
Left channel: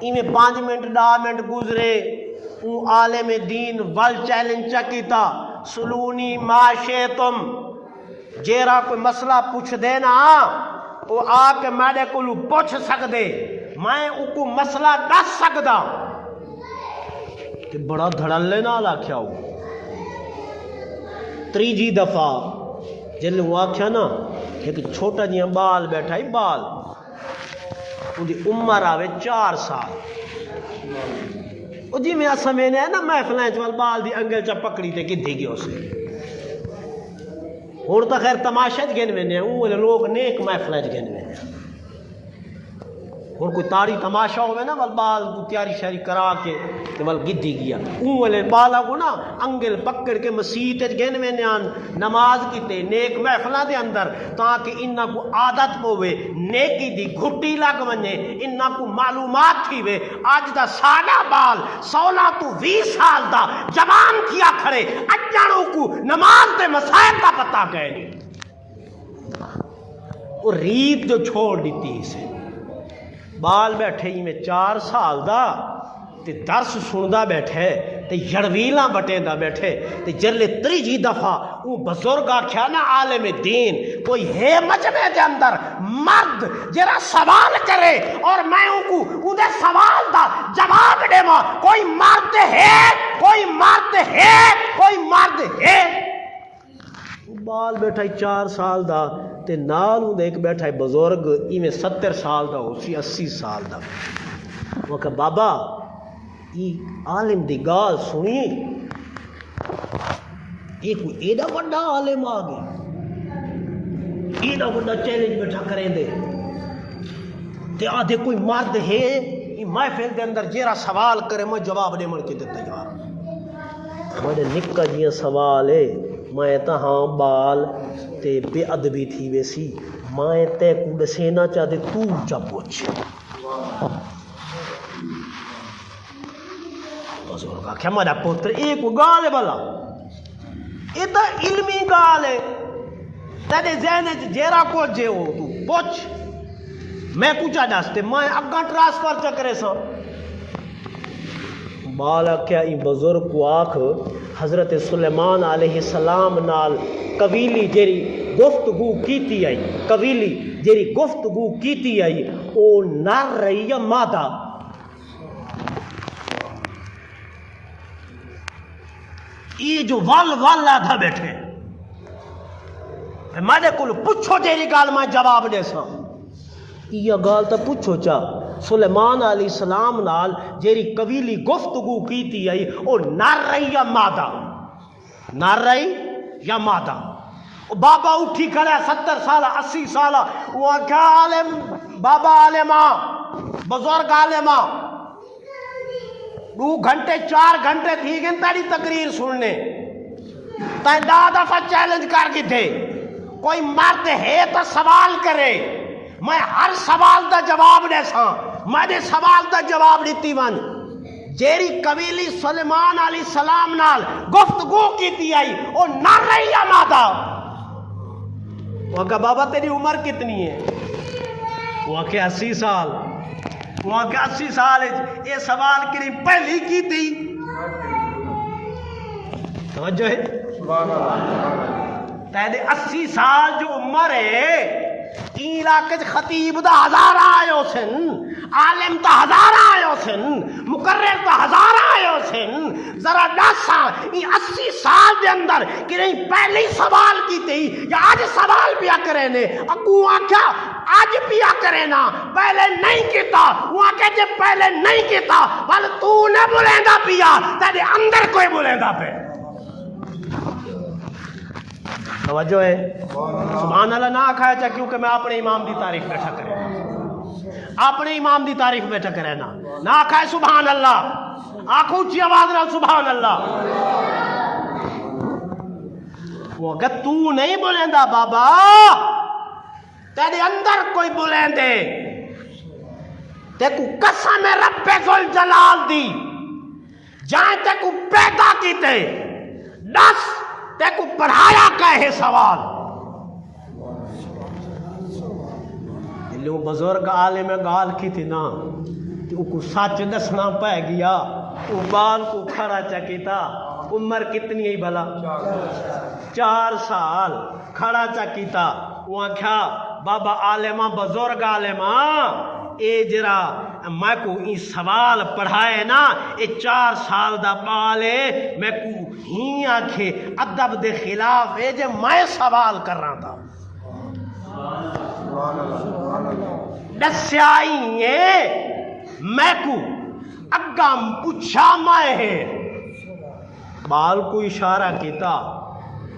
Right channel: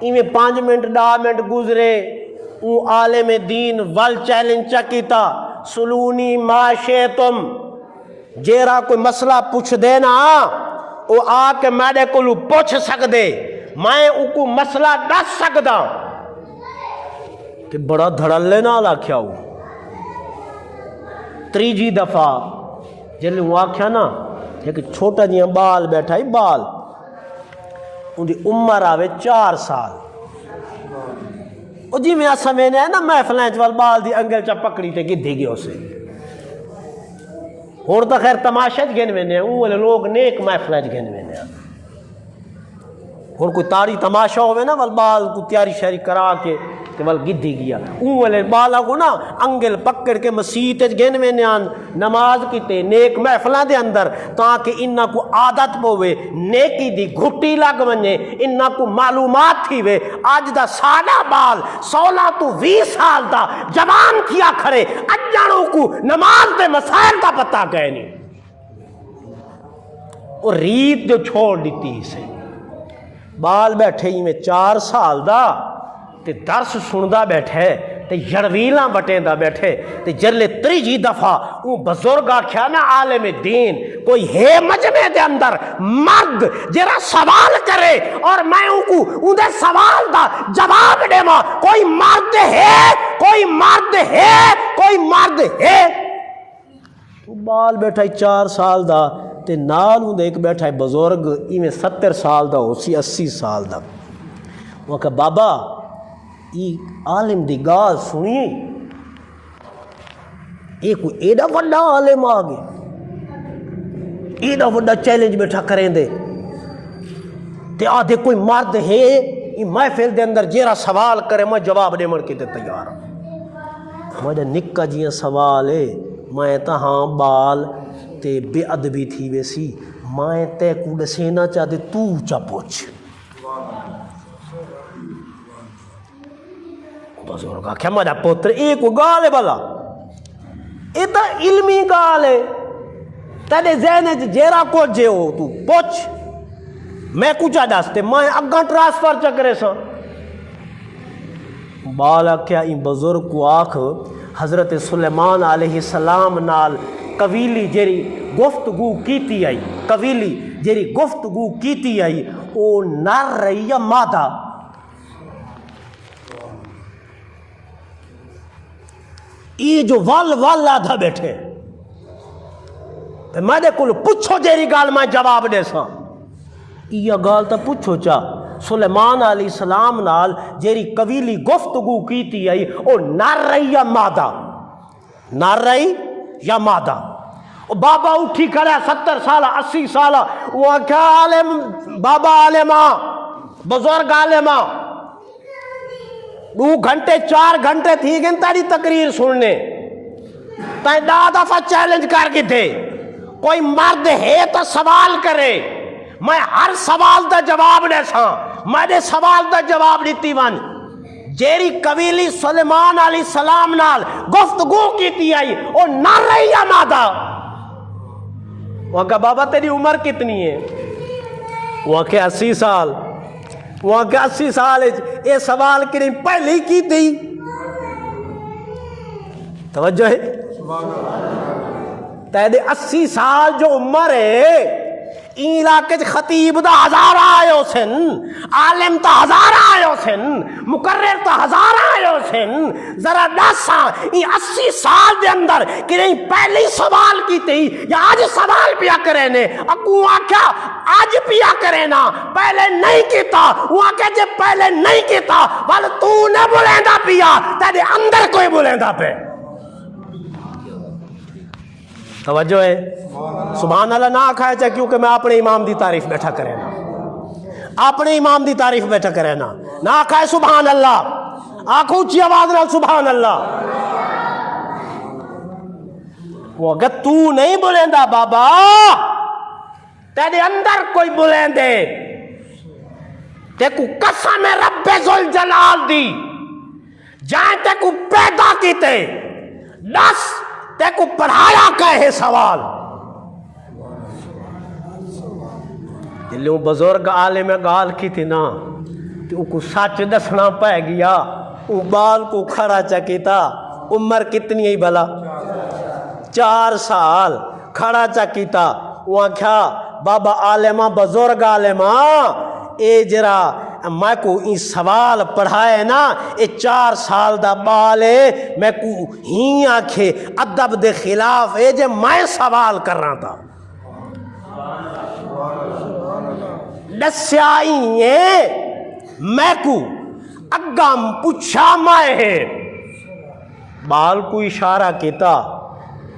ای میں 5 منٹ 10 منٹ گزرے او عالم دین ول چیلنج چکیتا سلونی ما شیتم جیرا کوئی مسئلہ پوچھ دینا او آ کے میرے کو پوچھ سکدے میں او کو مسئلہ دس سکدا کہ بڑا دھڑلے نہ آکھیا ہو تریجی دفعہ جلے وہ آکھیا نا ایک چھوٹا جیاں بال بیٹھا ہی بال ان دی عمر آوے 4 سال جی میں سمجھنے ہے نا محفلیں چوال بال دی انگل چا پکڑی تے گدھی گیا اسے ہون تا خیر تماشا گن میں نے اون والے لوگ نیک محفلیں گن میں نے ہون کوئی تاری تماشا ہوئے نا وال بال کو تیاری شہری کرا کے وال گدھی گیا اون والے بالا کو نا انگل پکڑ کے مسیح گن میں نے نماز کیتے نیک محفلیں دے اندر تاکہ انہاں کو عادت پوے نیکی دی گھٹی لگ ونجے انہاں کو معلومات تھی وے آج دا سادہ بال 16 تو 20 سال دا جوان کیا کھڑے اجانوں کو نماز دے مسائل دا پتہ گئے نہیں اور ریت جو چھوڑ دیتی اسے بال بیٹھے ہی میں 4 سال دا تے درس سندا بیٹھے تے جڑویلاں بٹیں دا بیٹھے تے جرلے تریجی دفعہ وہ بزرگ آکھیا نا عالم دین کوئی ہے مجمع دے اندر مرد جرا سوال کرے اور میں ان دے سوال دا جواب دے ماں کوئی مرد ہے کوئی مرد ہے کوئی مرد ہے بال بیٹھا ہی 4 سال دا تے نال ہوں ایک بیٹھا ہے بزرگ ایویں 70 سال دا ہو سی 80 سال دا وہ کہ بابا ای عالم دی گال سنیے ایک کوئی ایڈا وڈا عالم آگے ایڈا وڈا چیلنج بیٹھا کریں دے تے آدھے کوئی مرد ہے ای محفل دے اندر جیرا سوال کرے میں جواب دے من کے تے تیار ہمارے نکا جیاں سوال ہے میں تا ہاں بال تے بے ادبی تھی ویسی میں تے کو دسینا چاہتے تو چا پوچھ بزرگا کیا مارا پوتر ایک کو گال ہے بلا ایتا علمی گال ہے تیرے ذہن جیرا کو جے ہو تو پوچھ میں کچھ دستے میں اگاں ٹرانسفر چکرے سا بال آخیا این بزرگ کو آکھ حضرت سلیمان علیہ السلام نال قویلی جیری گفتگو کیتی آئی، قویلی جیری گفتگو کیتی آئی او نر رہی یا مادہ؟ یہ جو وال آدھا بیٹھے میں کو پوچھو جیری گال میں جواب دے سا، یہ گال تو پوچھو چاہ سلیمان علیہ السلام نال جیری قویلی گفتگو کیتی آئی او نر رہی یا مادہ؟ نر رہی یا مادہ؟ بابا اٹھی کھڑا 70 سالہ 80 سالہ، وہ کیا عالم بابا عالمہ بزرگ عالمہ 2 گھنٹے 4 گھنٹے تھی گن تاری تقریر سننے تائی دا دفعہ چیلنج کر کے تھے کوئی مرد ہے تو سوال کرے، میں ہر سوال دا جواب دے سا، میں دے سوال دا جواب دیتی ون جیری قبیلی سلیمان علیہ السلام نال گفتگو کیتی آئی او نر رہی یا مادہ؟ وہاں کہا بابا تیری عمر کتنی ہے؟ وہاں کہا 80 سال۔ وہاں کہا 80 سال یہ سوال کریں پہلی کی تھی؟ توجہ ہے؟ تیدے 80 سال جو عمر ہے این علاقے خطیب دا 1000 آئے ہو سن، عالم تا 1000 آئے ہو سن، مقرر تا 1000 آئے ہو سن، ذرا 10 سال این 80 سال دے اندر کہ نہیں پہلی سوال کی تھی یا آج سوال پیا کرے نے؟ اکو آکھا آج پیا کرے نا، پہلے نہیں کیتا۔ وہ آکھا جے پہلے نہیں کیتا بل تو نے بولیندہ پیا تیرے اندر کوئی بولیندہ پہ۔ توجہ ہے؟ سبحان اللہ نہ کھائے چاہے کیونکہ میں اپنے امام دی تعریف بیٹھا کرے نا، اپنے امام دی تعریف بیٹھا کرے نا، نہ کھائے سبحان اللہ، آنکھ اونچی آواز رہا سبحان اللہ۔ وہ اگر تو نہیں بولیندہ بابا تیرے اندر کوئی بولیندے، تے کو قسم رب ذوالجلال دی جائیں تے کو پیدا کیتے دس تے کو پڑھایا کہے سوال۔ جلوں بزرگ عالم گال کی تھی نا تو کو سچ دسنا پہ گیا، وہ بال کو کھڑا چکیتا، عمر کتنی ہی بھلا 4 سال کھڑا چکیتا۔ وہ کیا بابا عالمہ بزرگ عالمہ اے جرا میں کو این سوال پڑھائے نا اے 4 سال دا بالے میں کو ہی آنکھے ادب دے خلاف اے جے میں سوال کر رہا تھا دسیائی میں کو اگم پوچھا میں ہے بال کو اشارہ کیتا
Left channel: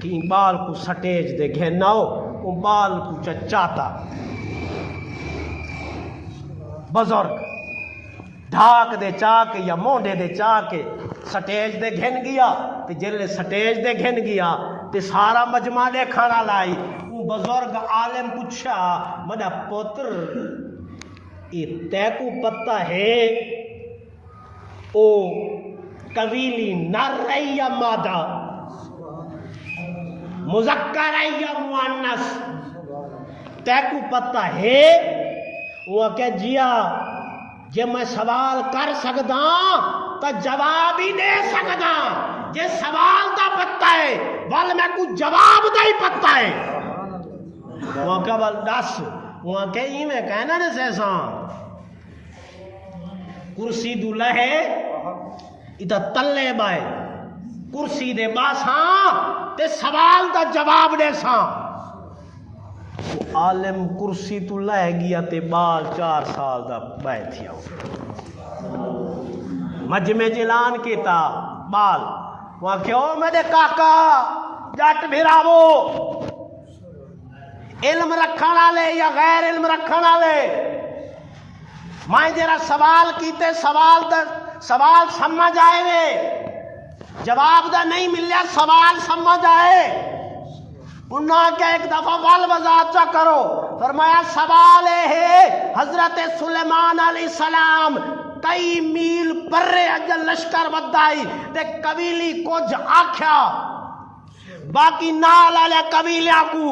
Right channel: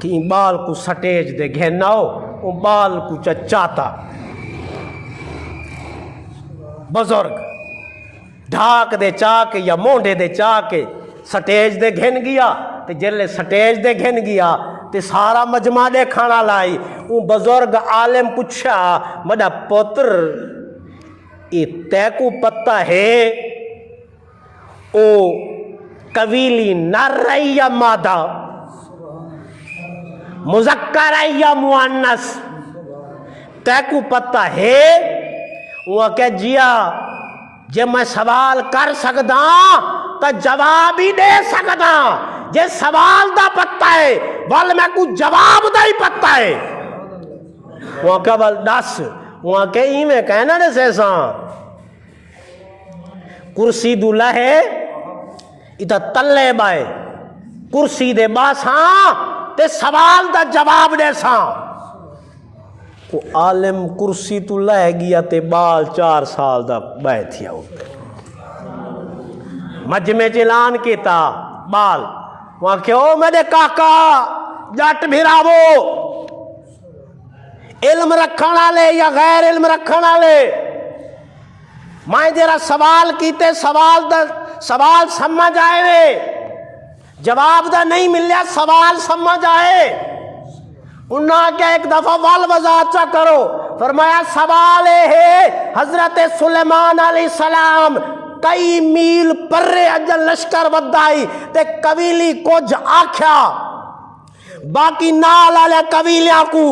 کہ بال کو سٹیج دے گھننا ہو، وہ بال کو چچاتا بزرگ ڈھاک دے چاک یا مونڈے دے چاک سٹیج دے گھن گیا، تے جلے سٹیج دے گھن گیا تے سارا مجمع دے کھانا لائی۔ وہ بزرگ عالم پوچھا مڈا پتر ای تے کو پتہ ہے او قویلی نر رہی یا مادہ، مذکر ہے یا مؤنث، تے کو پتہ ہے؟ وہ کہ جیا جے میں سوال کر سکدا تا جواب ہی دے سکدا، جے سوال دا پتہ ہے بل میں کو جواب دا ہی پتہ ہے۔ وہ کہ بل دس، وہ کہ ہی میں کہنا نے سیسان کرسی دولا ہے ادھا تلے بائے کرسی دے باساں تے سوال دا جواب دے ساں۔ تو عالم کرسی تو لے گیا تے بال 4 سال دا بائے تھیا ہو مجمع جلان کیتا بال وہاں کہ او میرے کاکا جٹ بھیراوو، علم رکھنا لے یا غیر علم رکھنا لے، میں جرا سوال کیتے سوال سمجھ آئے وے، جواب دا نہیں ملیا سوال سمجھ آئے۔ انہاں کہ ایک دفعہ والوضاحت چا کرو، فرمایا سوال ہے حضرت سلیمان علیہ السلام کئی میل پرے اجل لشکر ودائی تے قبیلی کچھ آکھیا باقی نال آلے قبیلیاں کو،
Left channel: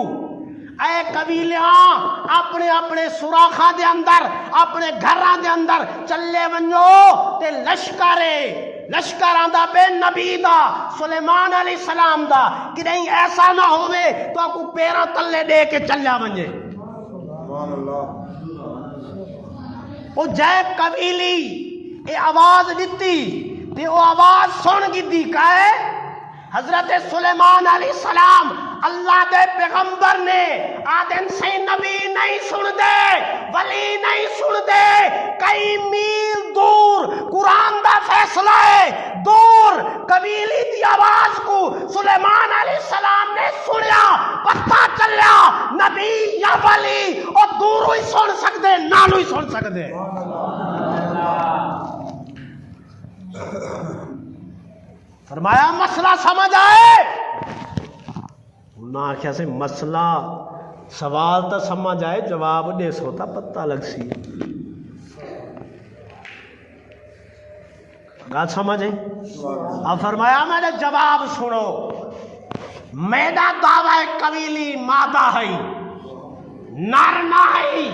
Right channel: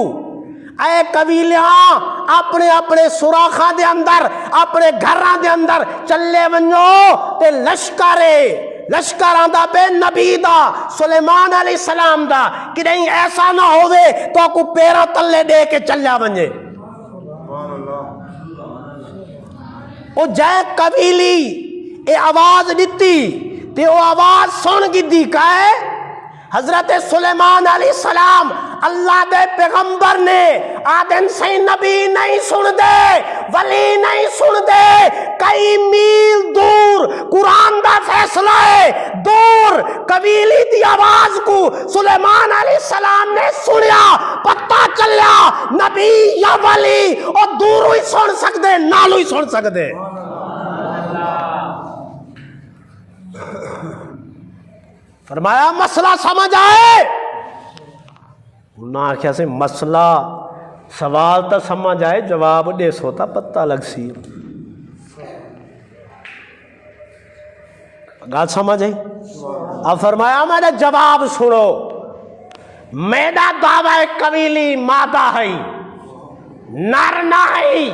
اے قبیلیاں اپنے اپنے سوراخاں دے اندر اپنے گھراں دے اندر چلے ونجو تے لشکرے لشکر آندا بے نبی دا سلیمان علیہ السلام دا کہ نہیں ایسا نہ ہوئے تو کو پیرا تلے دے کے چلیا ونجے او جائے قبیلی اے آواز دیتی تے او آواز سن گی دی کہے حضرت سلیمان علیہ السلام اللہ دے پیغمبر نے آدم سے نبی نہیں سن دے ولی نہیں سن دے کئی میل دور قرآن دا فیصلہ ہے دور قبیلی دی آواز کو سلیمان علیہ السلام نے سنیا پتہ چلیا نبی یا ولی اور دور ہی سن سکتے نالو ہی سن سکتے فرمایا مسئلہ سمجھ آئے انہاں آخیا سے مسئلہ سوال تا سمجھ آئے جواب دے سوتا پتہ لگ سی گات سمجھ ہے اب فرمایا میرے جواب سنو میرا دعوی قبیلی مادہ ہے نر نہ ہے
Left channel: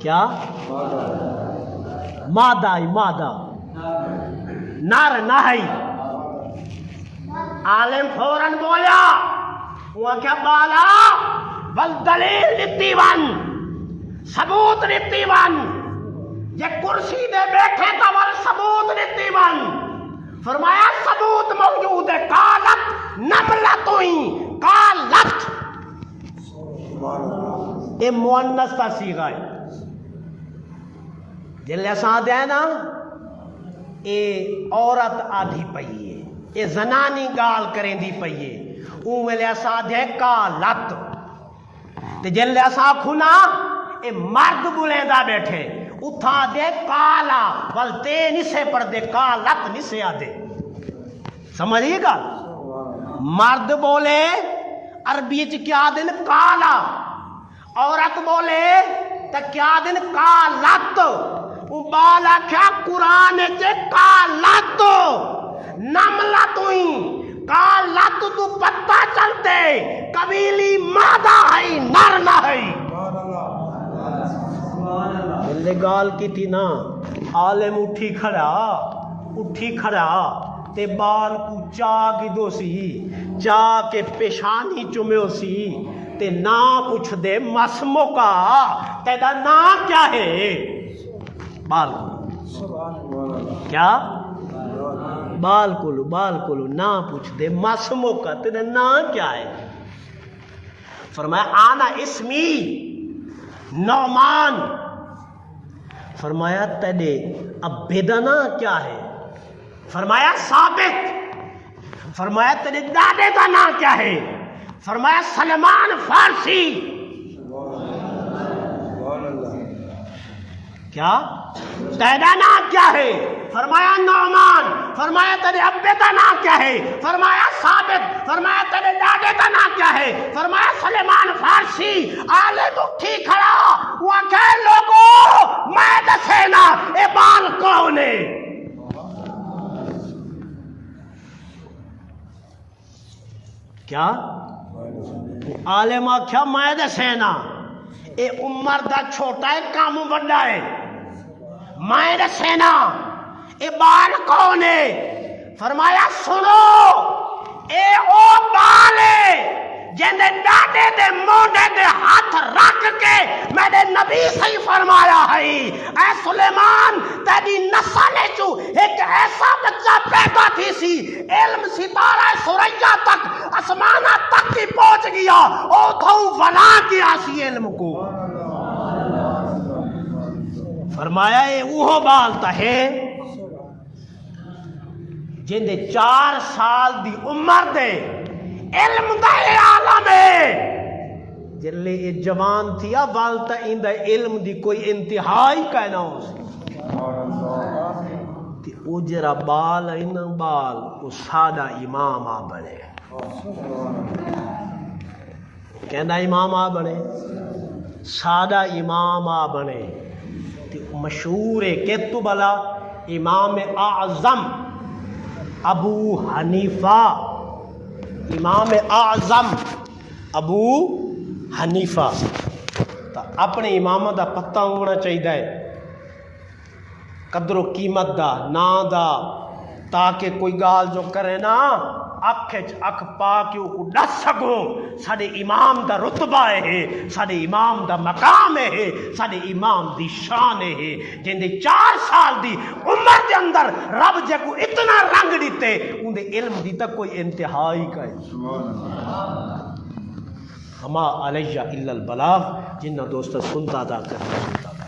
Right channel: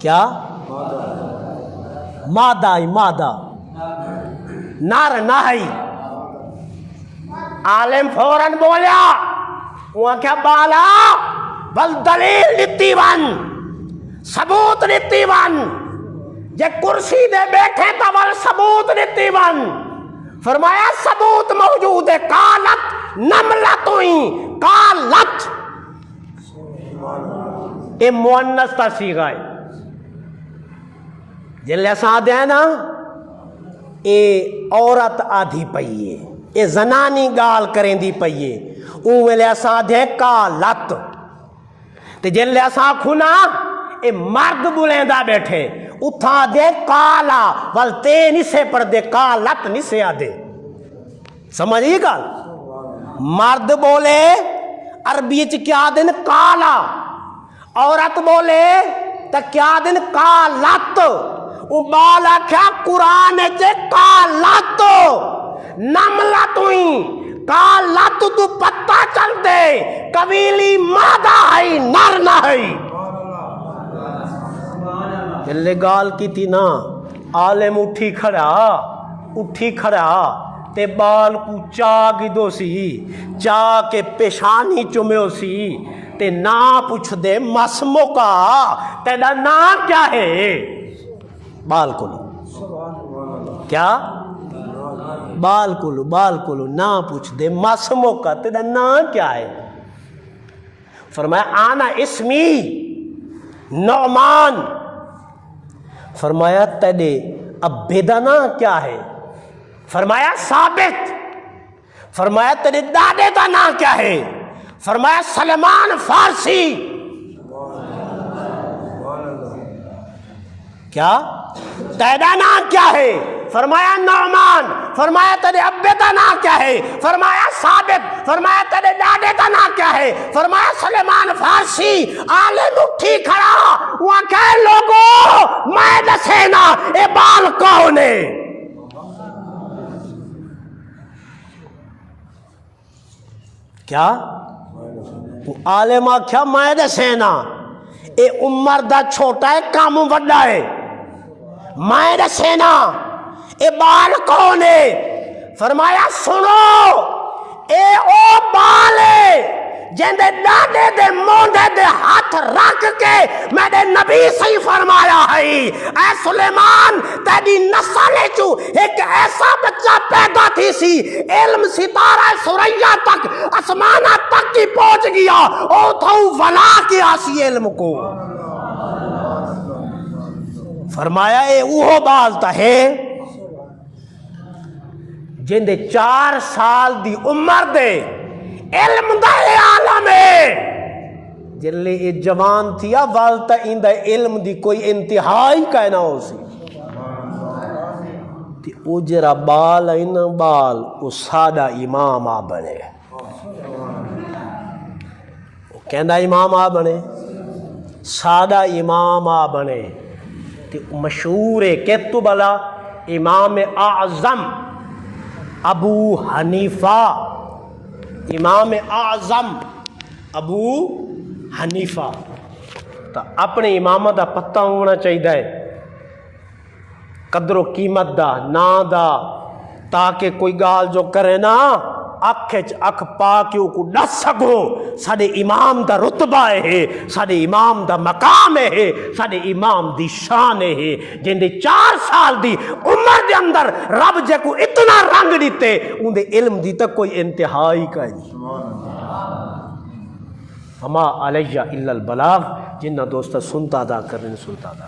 کیا مادہ ہے مادہ نر نہ ہے عالم فوراً بولیا وہ کیا بالا بل دلیل دیتی ون ثبوت دیتی ون یہ کرسی دے بیٹھے تا بل ثبوت دیتی ون فرمایا ثبوت موجود ہے قالت نملتویں قالت یہ مؤنث تا صیغہ ہے جلے ساتھ ہے نا اے عورت آدھی پئیے اے زنانی گال کریں دی پئیے اون ویلے ساتھ ہے قالت تے جلے ساتھ کھنا اے مرد بلیندہ بیٹھے اتھا دے قالا بلتے نسے پر دے قالت نسے آدھے سمجھئے گا مرد بولے عربی چ کیا دن قالا عورت بولے تا کیا دن قالت ابالا کیا قرآن جے قالت نملتویں قالت تو پتہ چل دے قبیلی مادہ ہے نر نہ ہے جلے گال کی تھی نا عالم اٹھی کھڑا تے بال کو چاہ دو سی چاہ کے پیشانی چمیو سی تے نا پوچھ دے مسمو کا تیرا نا کیا ہے بال کلو کیا بال کلو نا پوچھ دے مسمو کا تیرا نا کیا ہے فرمایا آنا اسمی نعمان فرمایا تیرے اب بیدنا کیا ہے فرمایا ثابت فرمایا تیرے دادے کا نا کیا ہے فرمایا سلمان فارسی کیا تیرا نام کیا ہے فرمایا نعمان فرمایا تیرے ابے کا نام کیا ہے فرمایا ثابت فرمایا تیرے دادے کا نام کیا ہے فرمایا سلیمان فارسی عالم اٹھی کھڑا وہاں کہے لوگوں میں دسینا اے بال کون ہے کیا عالم آکھیا میں دسینا اے عمر دا چھوٹا ہے کام وڈا ہے میں دسینا اے بال کون ہے فرمایا سنو اے او بال ہے جندے ڈاڈے دے مونڈے دے ہاتھ رکھ کے میں نے نبی سے فرمایا ہے اے سلیمان تیری نسل چو ایک ایسا بچہ پیدا تھی سی علم ستارہ سریا تک آسمانہ تک کی پہنچ گیا او تو ولا کی آسی علم کو فرمایا اے اوہ بال تا ہے جن دے 4 سال دی عمر دے علم دا عالم ہے جلے یہ جوان تھیا والتا ان دا علم دی کوئی انتہائی کہنا ہو سی تی او جرا بال این بال او سادہ امام آ بنے کہندہ امام آ بنے سادہ امام آ بنے تی مشہور ہے کہتو بلا امام اعظم ابو حنیفہ امام اعظم ابو حنیفہ تو اپنے امام دا پتہ ہونا چاہیے قدر و قیمت دا نا دا تاکہ کوئی گال جو کرے نا اکھ اکھ پا کے کو ڈس سکو ساڈے امام دا رتبہ ہے ساڈے امام دا مقام ہے ساڈے امام دی شان ہے جن دے 4 سال دی عمر دے اندر رب جے کو اتنا رنگ دیتے ان دے علم دی تک کوئی انتہائی کا ہما علیہ الا البلاغ جنہ دوستہ سنتا دا کرنے سنتا دا